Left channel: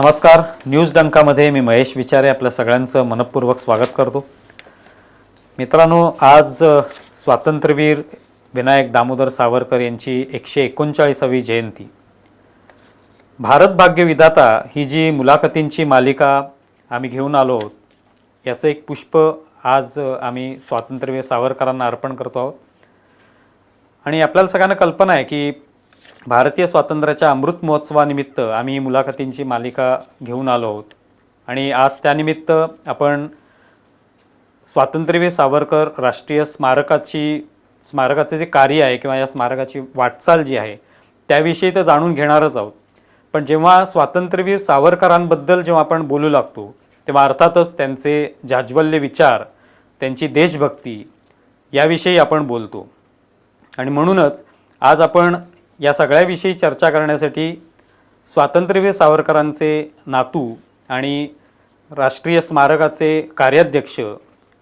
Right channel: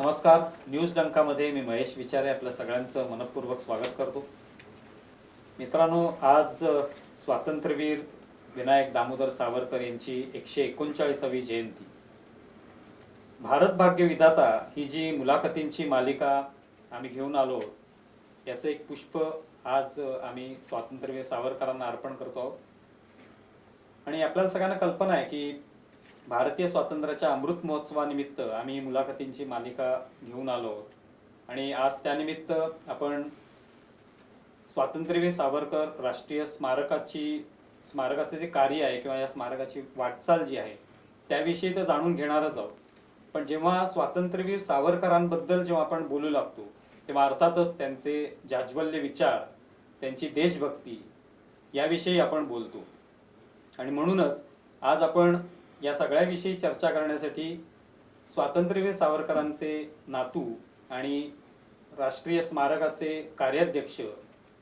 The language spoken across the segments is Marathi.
नमस्कार. न्यूज डंकामध्ये मी महेश विचारे आपल्या सगळ्यांचं मनपूर्वक स्वागत करतो. मित्रांनो, आज स्वातंत्र्यवीर विनायक दामोदर सावरकर यांची 139वी जयंती. भारत भाग्य विधाता ही जी मुलाखतींची मालिका आम्ही घेऊन आलो आहोत, याचं एक पुष्प आज आम्ही स्वातंत्र्यवीर सावरकरांना अर्पण करतो आहोत. आणि आपल्याला सगळ्यांना कल्पना आहे की भारतीय स्वातंत्र्याच्या अमृत महोत्सवानिमित्त आम्ही मुलाखतींची मालिका घेऊन आलो आहोत. आणि आज त्यानिमित्त आपण स्वातंत्र्यवीर सावरकर राष्ट्रीय स्मारकाचे जे कार्य आहे किंवा या स्मारकाची वाटचाल जी आहे त्याविषयी तर जाणून घेणारच आहोत. पण जेव्हा स्वातंत्र्यवीर सावरकरांबद्दल जेव्हा आपण बोलू लागतो तेव्हा अर्थातच त्यांचे जाज्वल्य विचार, त्यांची देशभक्ती याविषयी आपण बोलतो. आणि म्हणूनच आज आपण या सगळ्याविषयी चर्चा करण्यासाठी स्वातंत्र्यवीर सावरकरांचे नातू आणि राष्ट्रीय स्मारकाचे कार्याध्यक्ष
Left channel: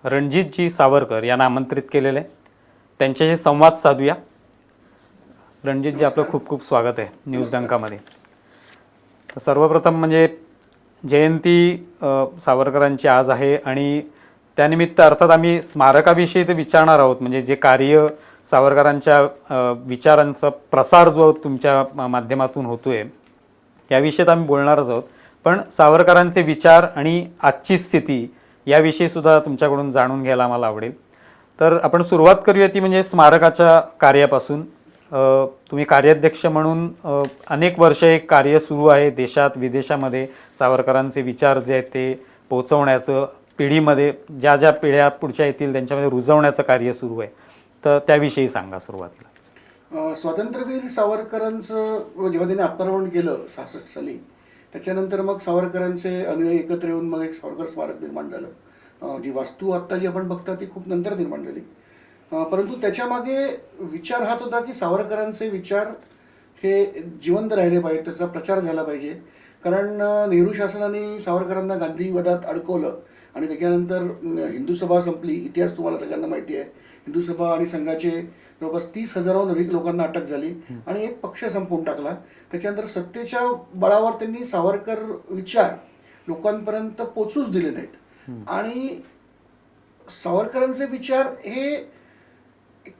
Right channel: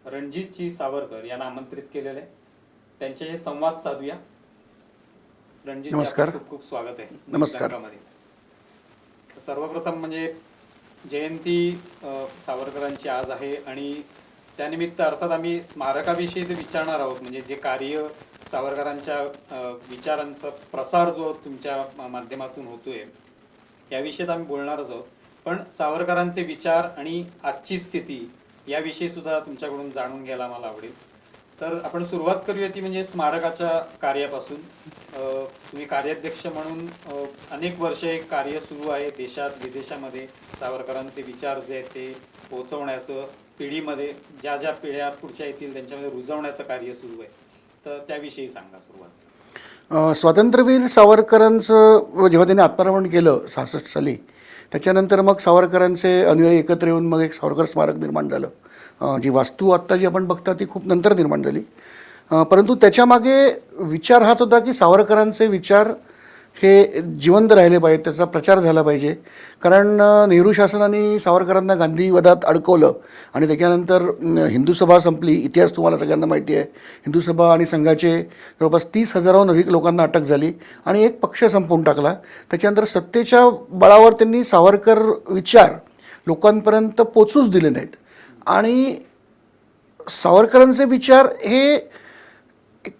रणजितजी सावरकर यांना आमंत्रित केलेले आहे. त्यांच्याशी संवाद साधूया. रणजितजी, आपलं खूप खूप स्वागत आहे न्यूज डंकामध्ये. तर सर्वप्रथम म्हणजे जयंती सावरकरांची आज आहे आणि त्यानिमित्त अर्थात आम्ही स्मारकाविषयी ते विचारणार आहोत. म्हणजे जे कार्य सावरकरांच्या विचारांचा प्रसार जो तुमच्या माध्यमातून होतोय याविषयी आम्ही बोलणारच आहोत. पण सावरकरांचे विचार आणि आजची स्थिती याविषयी सुद्धा तुमच्याकडून जाणून घ्यायला मला आवडेल. तर आपण सुरुवात करूया ती म्हणजे स्मारकाच्या कार्यापासून. तुम्ही कार्याध्यक्ष म्हणून अनेक वर्ष एक कार्य सुरू आहे देशात विदेशामध्ये. सावरकरांचे विचार जे आहेत ते पोहोचवण्याचं, पिढीमध्ये ज्या ज्या पिढ्या पुढच्या येतील त्यांच्यामध्ये रुजवण्याचं कार्य सुरू आहे. तर त्याविषयी सांगा सुरुवातीला. स्वातंत्र्यवीर सावरकरांचं जेव्हा त्यांनी आत्मरमण केलं 66 साली, त्याच्यानंतर मग सावरकरांचे अनुयायी एकत्र येऊन मग एक सावरकर स्मारक निर्माण झालं. जी वास्तू आत्ता जी आपण बघता ती खूप नंतर निर्माण झाली. परंतु त्याच्यामागे विचार हाच होता की सावरकरांचे विचार हे जिवंत राहिले पाहिजे, त्याचा प्रचार झाला पाहिजे. कारण नेहरू शासनाने सावरकरांना गांधीवधात अडकवलं आणि त्याच्यानंतर हिंदू सभा संपली. इतिहास तुम्हाला सगळ्यांना माहिती आहे. हिंदू सभा आणि संघाचे जवळपास 30,000हून अधिक लोकांना अटक झाली आणि एक पक्ष संपवून टाकला. त्याच्यानंतर सत्तेच्या बळावर त्यांनी सावरकर विचार लोकांपर्यंत पोचूच दिले नाहीत. आणि सावरकरांचे विचार हे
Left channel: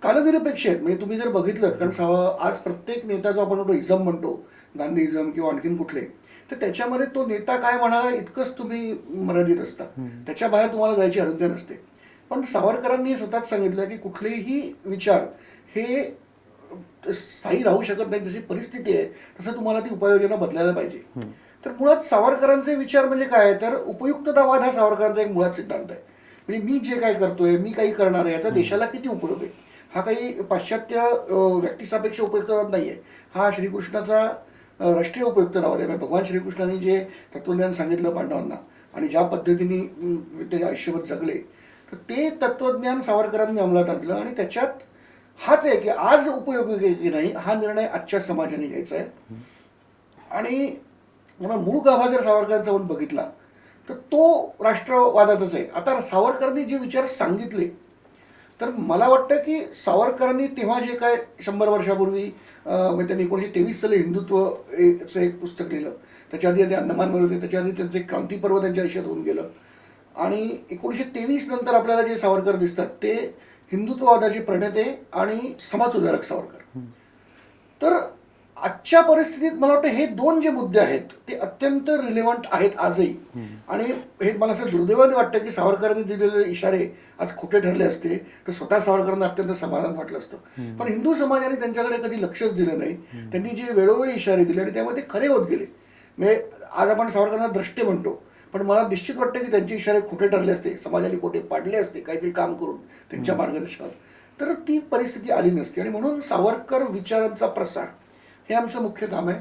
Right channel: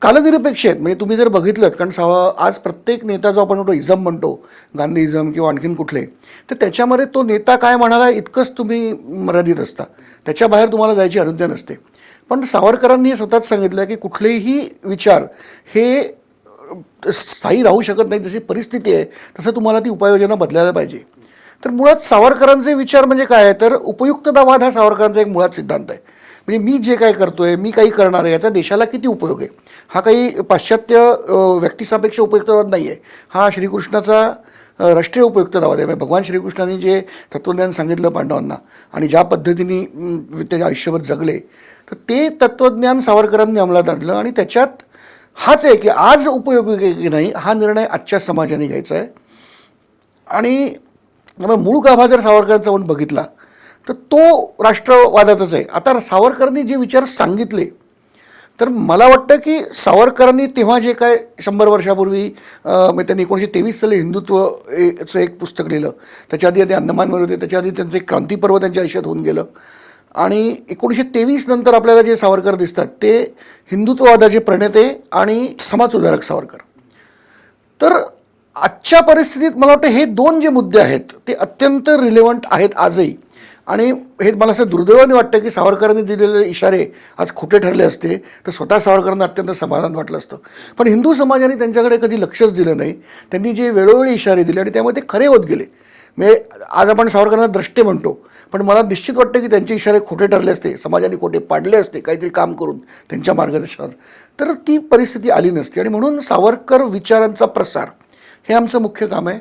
कालनिरपेक्ष आहेत. म्हणजे तुम्ही जर बघितलं, कारण आज प्रत्येक नेता जो आपण म्हणतो इझम म्हणतो, गांधीइझम किंवा आणखीन कुठले, तर त्याच्यामध्ये तो नेता काय म्हणाला इतकंच तुम्ही मर्यादित असता. त्याच्या बाहेर तुम्हाला जायची अनुज्ञा नसते. पण सावरकरांनी स्वतःच सांगितलं की कुठलेही विचार हे स्थायी राहू शकत नाही. जशी परिस्थिती आहे तसं तुम्हाला ती उपाययोजना बदलायला पाहिजे. तर मुळात सावरकरांचे विचार म्हणजे काय आहे तर उपयुक्ततावाद हा सावरकरांचा एक मुळात सिद्धांत आहे. म्हणजे मी जे काय करतोय, मी काही करणार आहे, याचा देशाला किती उपयोग आहे. हा काही पाश्चात्य व्यक्तिसापेक्ष उपयुक्तवाद नाही आहे. हा श्रीकृष्णाचा राष्ट्रीय उपयुक्ततावाद आहे. भगवान श्रीकृष्णांनी जे तत्त्वज्ञान सांगितलं पांडवांना आणि ज्या पद्धतीने ते आयुष्यभर जगले, तर ते तत्त्वज्ञान सावरकरांनी अंमलात आणलं. आणि त्याच्यात हाच आहे की आज उपयोगी आहे की नाही हा निर्णय आजच्या समाजाने घ्यायचा आहे. आणि मूळ गाभा जर सावरकरांचा आपण बघितला तर तो राष्ट्रवादाचाच आहे. आता सावरकरांनी जे विचार सांगितले तर मला वाटतं की सावरकरांनी तेव्हा जे काय 100 वर्षापूर्वी त्यांनी 1923 साली हिंदुत्वचं एक पुस्तक लिहिलं. त्याच्या आधी अंदमानवर होते, त्याच्या आधी त्यांचं एक क्रांतीपर्व त्यांच्या आयुष्यात होऊन गेलं. आणि 1923 नंतर आपल्याला जे सावरकर दिसतात ते हिंदुत्ववादाचे प्रणेते आणि समाजसुधारक सावरकर. तर आजच्या परिस्थितीत मला वाटतं हे दोन जे मुद्दे आहेत ते अत्यंत रिलेव्हंट आहेत आजही. आणि हे मला असं दुर्दैवाने वाटतं की सावरकरांनी दिलेले इशारे आज खोटे ठरले असते तर स्वतः सावरकरांना अत्यंत समाधान वाटलं असतं. पण हिंदू समाजाने त्यांच्याकडे कधी लक्षच दिलं नाही. त्यांनी जे वेळोवेळी इशारे दिले आणि त्यामुळे ते खरे होत गेले. म्हणजे आज आपण सावरकरांना द्रष्टे म्हणतो, पण मला निश्चित वाटतं की त्यांचे इशारे खोटे ठरले असते, समाजाने खोटे पाडले असते काहीतरी काम करून त्यांच्या मार्गदर्शनावर, तर ती परिस्थिती आली नसती. आणि म्हणून सावरकर विचारांचा प्रसार हे आमचं मुख्य काम आहे.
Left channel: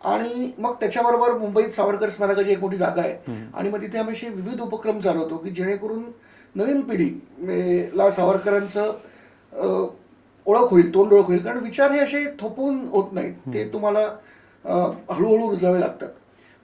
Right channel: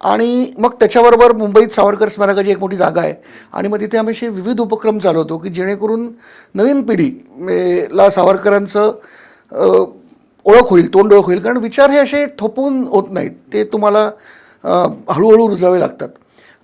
आणि मग त्याच्याबरोबर मुंबईत सावरकर स्मारकाची एक मोठी जागा आहे आणि मग तिथे आम्ही असे विविध उपक्रम चालवतो की जेणेकरून नवीन पिढीला सावरकरांचं ओळख होईल, तोंड ओळख होईल. कारण विचार हे असे थोपून होत नाहीत, ते तुम्हाला हळूहळू रुजावे लागतात.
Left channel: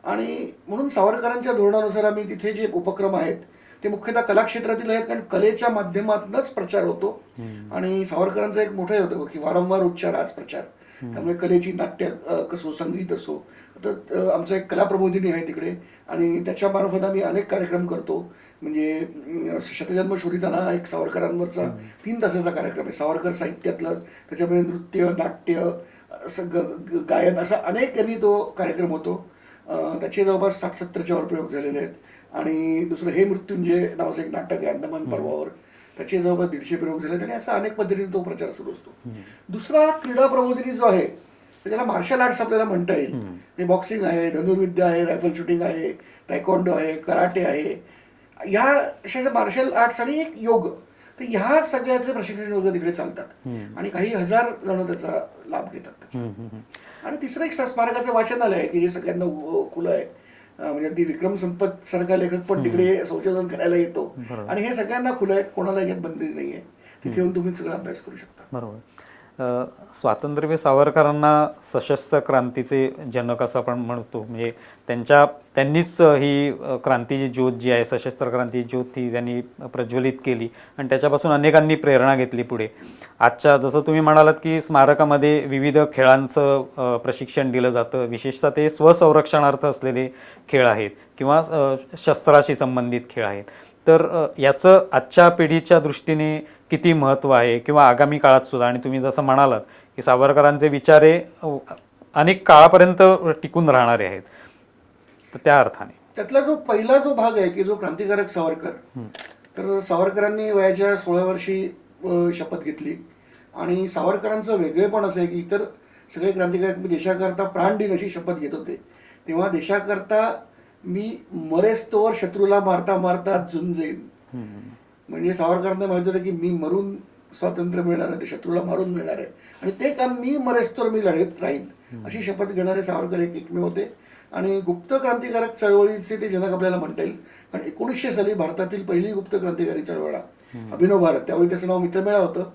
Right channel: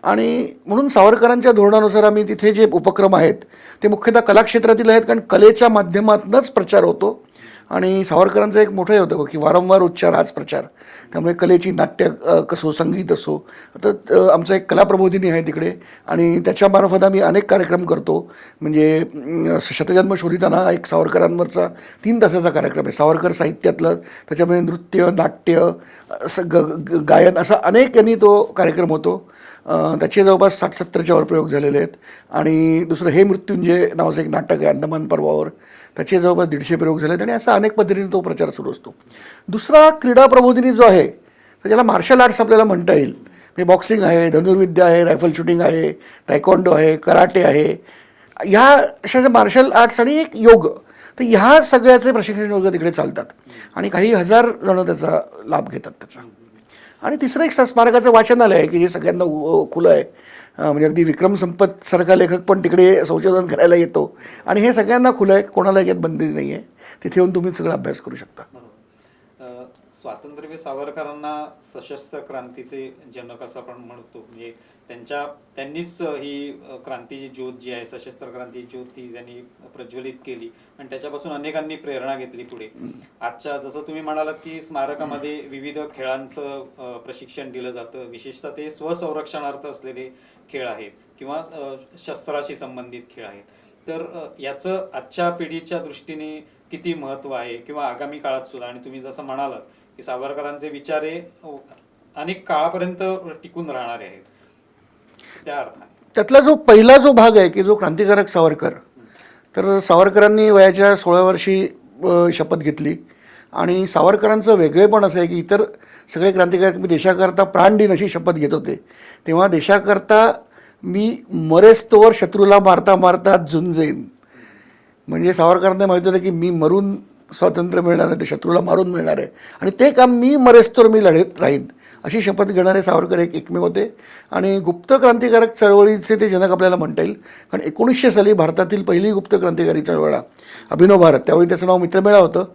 आणि म्हणून सावरकरांच्या धोरणानुसार आम्ही तिथे जे उपक्रम आहेत ते मुख्यतः कलाक्षेत्रातील आहेत, कारण कलेच्या माध्यमातूनच प्रचार होतो. आणि सावरकरांचं एक मोठं हे होतं की वारंवार उच्चार हाच प्रचार. त्यामुळे कलेची नाट्य कसो, संगीत असो. आता आमचा एक कलाप्रबोधिनी आहे तिकडे आणि त्याच्यामार्फत आम्ही अनेक कार्यक्रम करतो. म्हणजे शतजन्म शोधिताना एक सावरकरांवरचा 3 तासाचा कार्यक्रम आहे, सावरकर साहित्यातलं. त्याच्यामध्ये नृत्य, नाट्य, गायन असा अनेक यांनी तो कार्यक्रम होतो. त्याचे जवळपास 60-70च्या वर प्रयोग झालेले आहेत. आणि दुसरं हे मृत्युंजय नावाचं एक नाटक आहे अंदमान पर्वावर, त्याचे जवळपास 150 प्रयोग झाले आहेत. आणि असा अनेक पद्धतीने तो प्रचार सुरू असतो. दुसरा क्रीडा प्रबोधिनी जो आहे तर ज्याला मार्शल आर्ट्स आपल्याला म्हणता येईल. म्हणजे बॉक्सिंग आहे, धनुर्विद्या आहे, रायफल शूटिंग आहे, तायक्वॉन्डो आहे, कराटे आहे, ह्या अशा मार्शल आर्ट्स आणि एक योग, तर ह्या सगळ्याचे प्रशिक्षण वर्ग तिकडे चालतात. आणि काही हजार जण त्याचा लाभ घेतात त्याचा. आणि तिसरं एक स्मारकाचं वाचनालय आहे की जे सगळ्यांना खुलं आहे. म्हणजे अगदी विक्रम संपत सारखा लेखक पण तिकडे संशोधन करायला येतो. आणि हे सगळ्यांना खुलं आहे, कोणाला याच्यात बंदी नाही आहे. तिथे येऊन तुम्ही सगळा अभ्यास करू शकता. बरोबर. स्वातंत्र्यवीर सावरकरांना सशस्त्र क्रांतीचे जनक असं आपण म्हणतो. म्हणजे त्यांनीच ही क्रांतीची ज्योत जी आहे, सशस्त्र क्रांतीची ज्योत, ती त्यांनी प्रज्वलित केली आणि त्याच्यापासून अनेकांनी प्रेरणा घेतली पुढे. आजच्या जसं तुम्ही म्हणालात की स्मारकामध्ये विविध खेळांचं प्रशिक्षण दिलं जातं, विशेषतः ते स्वसंरक्षणार्थ असलेले खेळ आहेत किंवा शस्त्राशी संबंधित खेळ आहेत. तर याचं आजच्या पिढीच्या दृष्टीने किती महत्त्व आहे किंवा आगामी काळात सुद्धा. आणि तुम्ही जसं म्हणालात की सावरकरांचे विचार हे अनेक काळापर्यंत टिकून राहणारे आहेत, तर त्या अर्थाने त्यातला जो पहिला भाग आहे की जो क्रांतिकारक सावरकर, तर सावरकरांनी वयाच्या 16 वर्षी शपथ घेतली. आणि सावरकरांचं वेगळेपण असं आहे की इतर सगळे क्रांतिकारक देशाकरता प्राण देईन अशी शपथ घेत होते, तेव्हा देशाकरता मी मरेस्तोवर शत्रूला मारता मारता झुंजेन. म्हणजे सावरकरांना माहिती होतं की मी मरून स्वातंत्र्य मिळणार आहे, ते शत्रूला मारून मिळणार आहे, आणि ते काम मी मरेस्तोवर मी लढत राहीन अशी शपथ घेणारे सावरकर एकमेव होते. आणि गुप्त क्रांतिकारक चळवळीचे ते जनक आपल्याला म्हणता येईल. कारण 1900 साली भारतातील पहिली गुप्त क्रांतिकारी चळवळ अभिनव भारत, त्यावेळी त्याचं नाव मित्रमेळा होतं.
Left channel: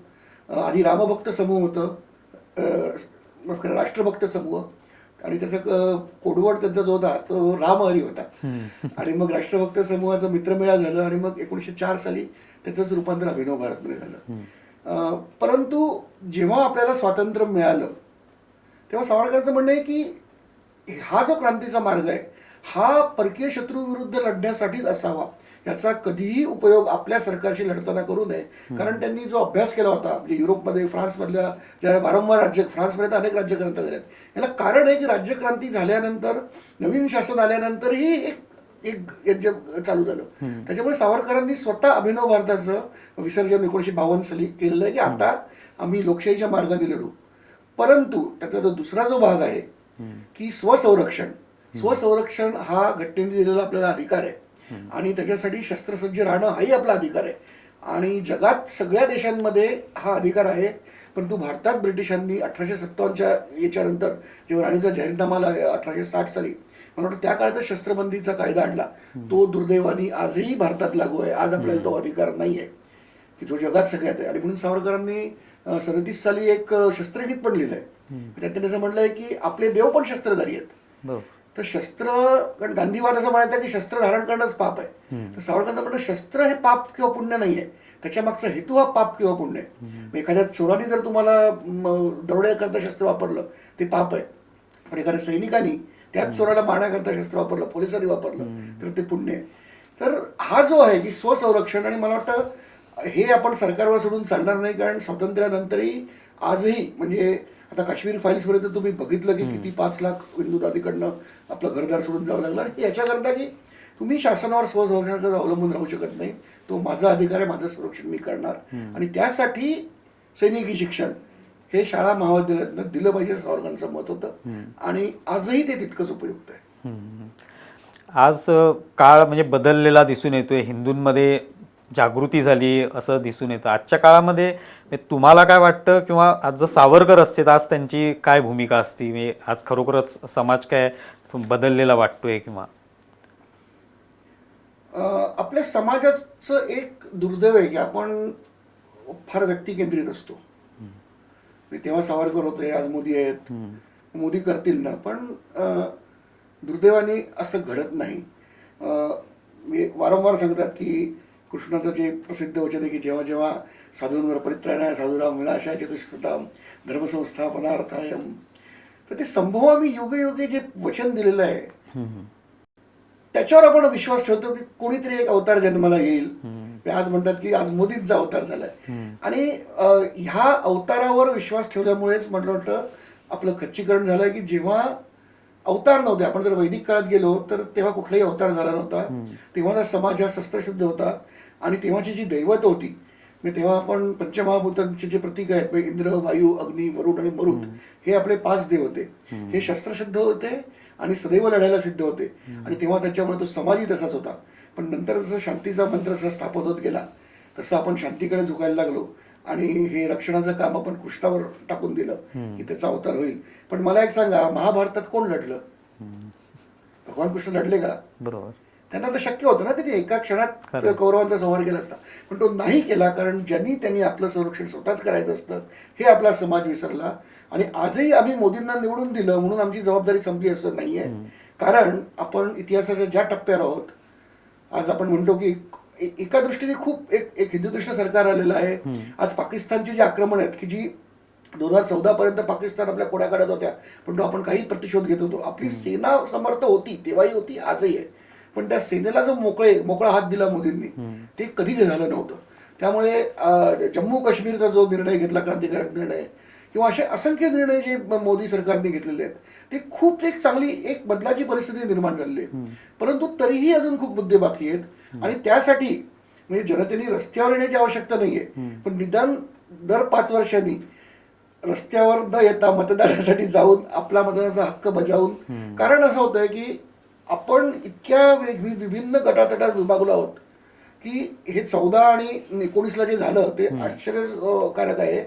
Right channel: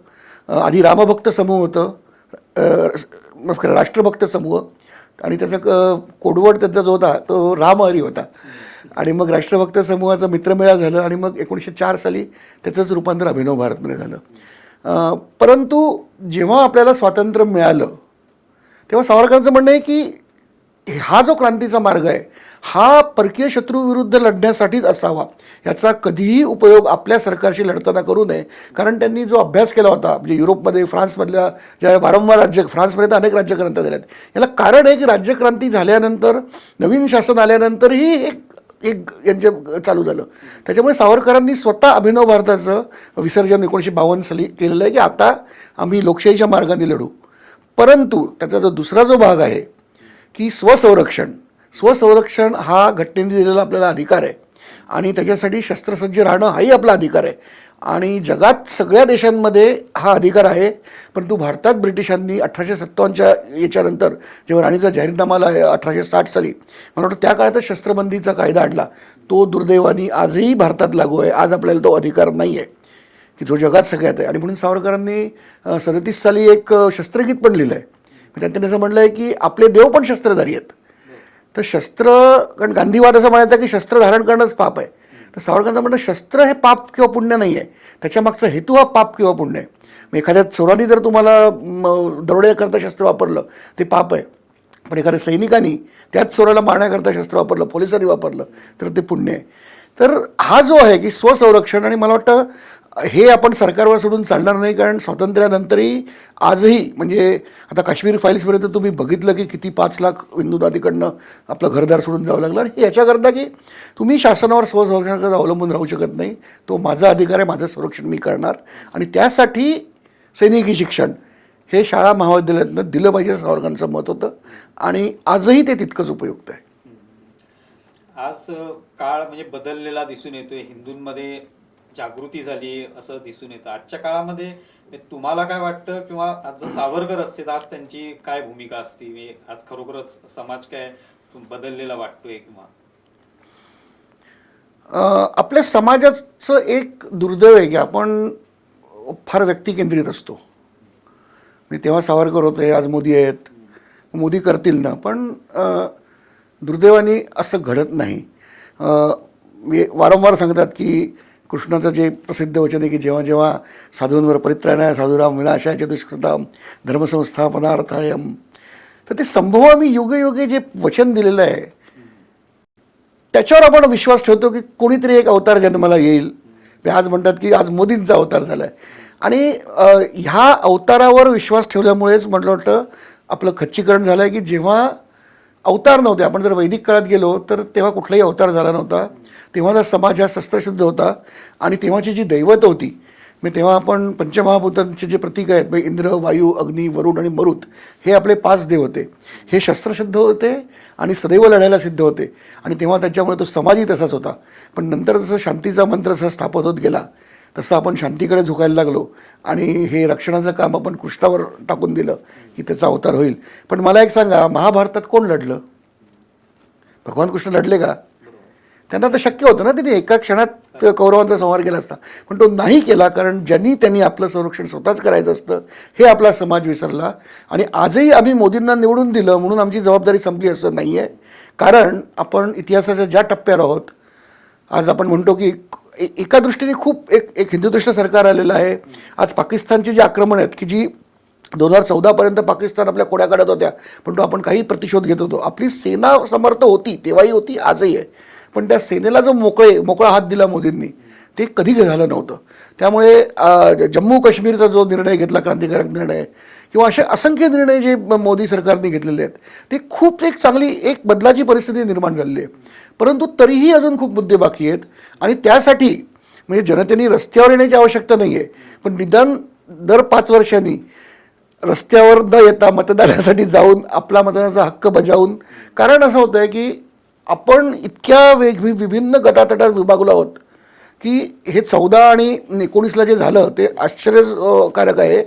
आधी रामभक्त समूह होतं, राष्ट्रभक्त समूह, आणि त्याचा कोडवर्ड त्याचा जो होता तो रामहरी होता. आणि मग राष्ट्रभक्त समूहाचा मित्रमेळा झालं आणि मग 1904 साली त्याचंच रूपांतर अभिनव भारतमध्ये झालं. परंतु जेव्हा आपल्याला स्वातंत्र्य मिळालं तेव्हा सावरकरांचं म्हणणं आहे की हा जो क्रांतीचा मार्ग आहे हा परकीय शत्रूविरुद्ध लढण्यासाठीच असावा, याचा कधीही उपयोग आपल्या सरकारशी लढताना करू नये. कारण त्यांनी जो अभ्यास केला होता म्हणजे युरोपमध्ये, फ्रान्समधल्या ज्या वारंवार फ्रान्समध्ये तर अनेक राज्यक्रांत्या झाल्यात, याला कारण आहे की राज्यक्रांती झाल्यानंतर नवीन शासन आल्यानंतरही एक यांचे चालू झालं. त्याच्यामुळे सावरकरांनी स्वतः अभिनव भारताचं विसर्जन 1952 साली केलेलं आहे की आता आम्ही लोकशाहीच्या मार्गाने लढू. परंतु त्याचा दुसरा जो भाग आहे की स्वसंरक्षण हा घटनेने दिलेला आपल्याला अधिकार आहे आणि त्याच्यासाठी शस्त्रसज्ज राहणं हाही आपला अधिकार आहे. आणि जगात सगळ्या देशांमध्ये हा अधिकार आहे. परंतु भारतात ब्रिटिशांनी 1857च्या याच्यानंतर जेव्हा राणीचा जाहीरनामा आला 1860 साली, मला वाटतं त्या काळातच शस्त्रबंदीचा कायदा आणला. तो दुर्दैवाने आजही भारतात लागू आहे. आज आपल्याला तो अधिकार नाही आहे की जो जगात सगळ्यात आहे. आणि म्हणून सावरकरांनी 37 साली एक शस्त्रगीत पण लिहिलं आहे. त्यात त्यांनी असं म्हटलं आहे की आपले देव पण शस्त्रधारी आहेत. तर शस्त्र, कारण गांधीवाद असं म्हणायचं की शस्त्र धारण करणंच पाप आहे. तर सावरकरांचं म्हणणं शस्त्र हे पाप किंवा पुण्य नाही आहे, त्याच्यामागचा हेतू हा पाप किंवा पुण्य आहे. मग एखाद्या चोरांनी जर तुम्हाला दरोड्याकरता शस्त्र वापरलं ते पाप आहे, पण एखाद्या सैनिकांनी त्याच चोराला मारण्याकरता शस्त्र वापरलं, पोलिसांनी वापरलं तर ते पुण्य आहे. तर हा जो आहे की स्वसंरक्षण, आणि मला वाटतं हे आपण सरकारवर सोडून चालणार नाही. कारण स्वातंत्र्यानंतरही आजही म्हणजे आता काश्मीर फाईल्सपर्यंत तुम्ही बघितलं की किती 5 लाख हिंदुत्वादीकडनं आपलं घरदार सोडून जावं लागलं. आणि याच्याकरता की तुम्ही शासनावर स्वसंरक्षणाकडे अवलंबून राहू शकत नाही. तो माझा अधिकार आहे, माझं संरक्षण मी करणार. आणि त्यासाठी सैनिकी शिक्षण हे शाळा महाविद्यालयातनं दिलं पाहिजे सावरकरांचं मत होतं. आणि आजही ते तितकंच उपयुक्त आहे. आज काळ म्हणजे बदललेला दिसून येतोय, हिंदूंमध्ये जागृती झाली असं दिसून येतं. आजच्या काळामध्ये तुम्हाला काय वाटतं, किंवा आज जर सावरकर असते तर आज त्यांची काय भूमिका असती? म्हणजे आज खरोखरच समाज काय बदललेला वाटतोय? किंवा आपल्या समाजाचं एक दुर्दैव आहे की आपण फार व्यक्तिकेंद्रित असतो. तेव्हा सावरकर होते, आज मोदी आहेत, मोदी करतील ना. पण दुर्दैवाने असं घडत नाही. मी वारंवार सांगतात की कृष्णाचं जे प्रसिद्ध वचन आहे की जेव्हा जेव्हा साधूंवर परित्राणाय साधुराम विनाशाय दुष्कृताम धर्मसंस्थापनार्थायम, तर ते संभवामी युगे युगे जे वचन दिलेलं आहे त्याच्यावर आपण विश्वास ठेवतो की कोणीतरी एक अवतार जन्माला येईल. आज म्हणतात की आज मोदींचा अवतार झालाय आणि ह्या अवतारावर विश्वास ठेवल्यामुळेच म्हटलं वाटतं आपलं खच्चीकरण झालं आहे की जेव्हा अवतार नव्हते, आपण जर वैदिक काळात गेलो तर तेव्हा कुठलाही अवतार झाला नव्हता. तेव्हाचा समाज हा शस्त्रशुद्ध होता आणि तेव्हाची जी दैवत होती, मी तेव्हा आपण पंचमहाभूतांचे जे प्रतीक आहेत म्हणजे इंद्र, वायू, अग्नी, वरुण आणि मरुत हे आपले 5 देव होते. हे शस्त्रशुद्ध होते आणि सदैव लढायला सिद्ध होते आणि तेव्हा त्यांच्यामुळे तो समाजही तसाच होता. पण नंतर जसं शांतीचा मंत्र जसा स्थापित होत गेला तसं आपण शांतीकडे झुकायला लागलो आणि हे रक्षणाचं काम आपण कृष्णावर टाकून दिलं की त्याचा अवतार होईल. पण मला एक सांगा, महाभारतात कोण लढलं? भगवान कृष्ण लढले का? बरोबर. त्यांना तर शक्य होतं ना, त्यांनी एका क्षणात कौरवांचा संहार केला असता, पण तो नाही केला. कारण त्यांनी आपलं संरक्षण स्वतःच करायचं असतं हे आपला समाज विसरला. आणि आजही आम्ही मोदींना निवडून दिलं म्हणून आमची जबाबदारी संपली असं नाही आहे. कारण आपण इतिहासाच्या ज्या टप्प्यावर आहोत, आज आपण म्हणतो की एका दृष्टीने खूप एक हिंदुत्व सरकार आलेलं आहे. आज पाकिस्तानची जी आक्रमण आहेत की जी 2014 पर्यंत पाकिस्तान आपल्या खोड्या काढत होत्या, पण तो आपण काही प्रतिशोध घेत होतो. आपली सेना समर्थ होती, तेव्हाही होती, आजही आहे. पण त्या सेनेला जो मोकळा हात दिला मोदींनी ते कधी झालं नव्हतं. त्यामुळे जम्मू काश्मीरचा जो निर्णय घेतला, क्रांतिकारक निर्णय, किंवा असे असंख्य निर्णय जे मोदी सरकारने घेतलेले आहेत ते खूप एक चांगली एक बदलाची परिस्थिती निर्माण झालेली आहे. परंतु तरीही अजून खूप मुद्दे बाकी आहेत आणि त्यासाठी म्हणजे जनतेने रस्त्यावर येण्याची आवश्यकता नाही आहे, पण निदान दर 5 वर्षांनी रस्त्यावर न येता मतदानासाठी जाऊन आपला मतदानाचा हक्क बजावून. कारण असं होतं आहे की आपण इतक्या विभिन्न गटातटात विभागलो आहोत की हे 14 आणि 19ला जे झालं ते आश्चर्यकारक आहे.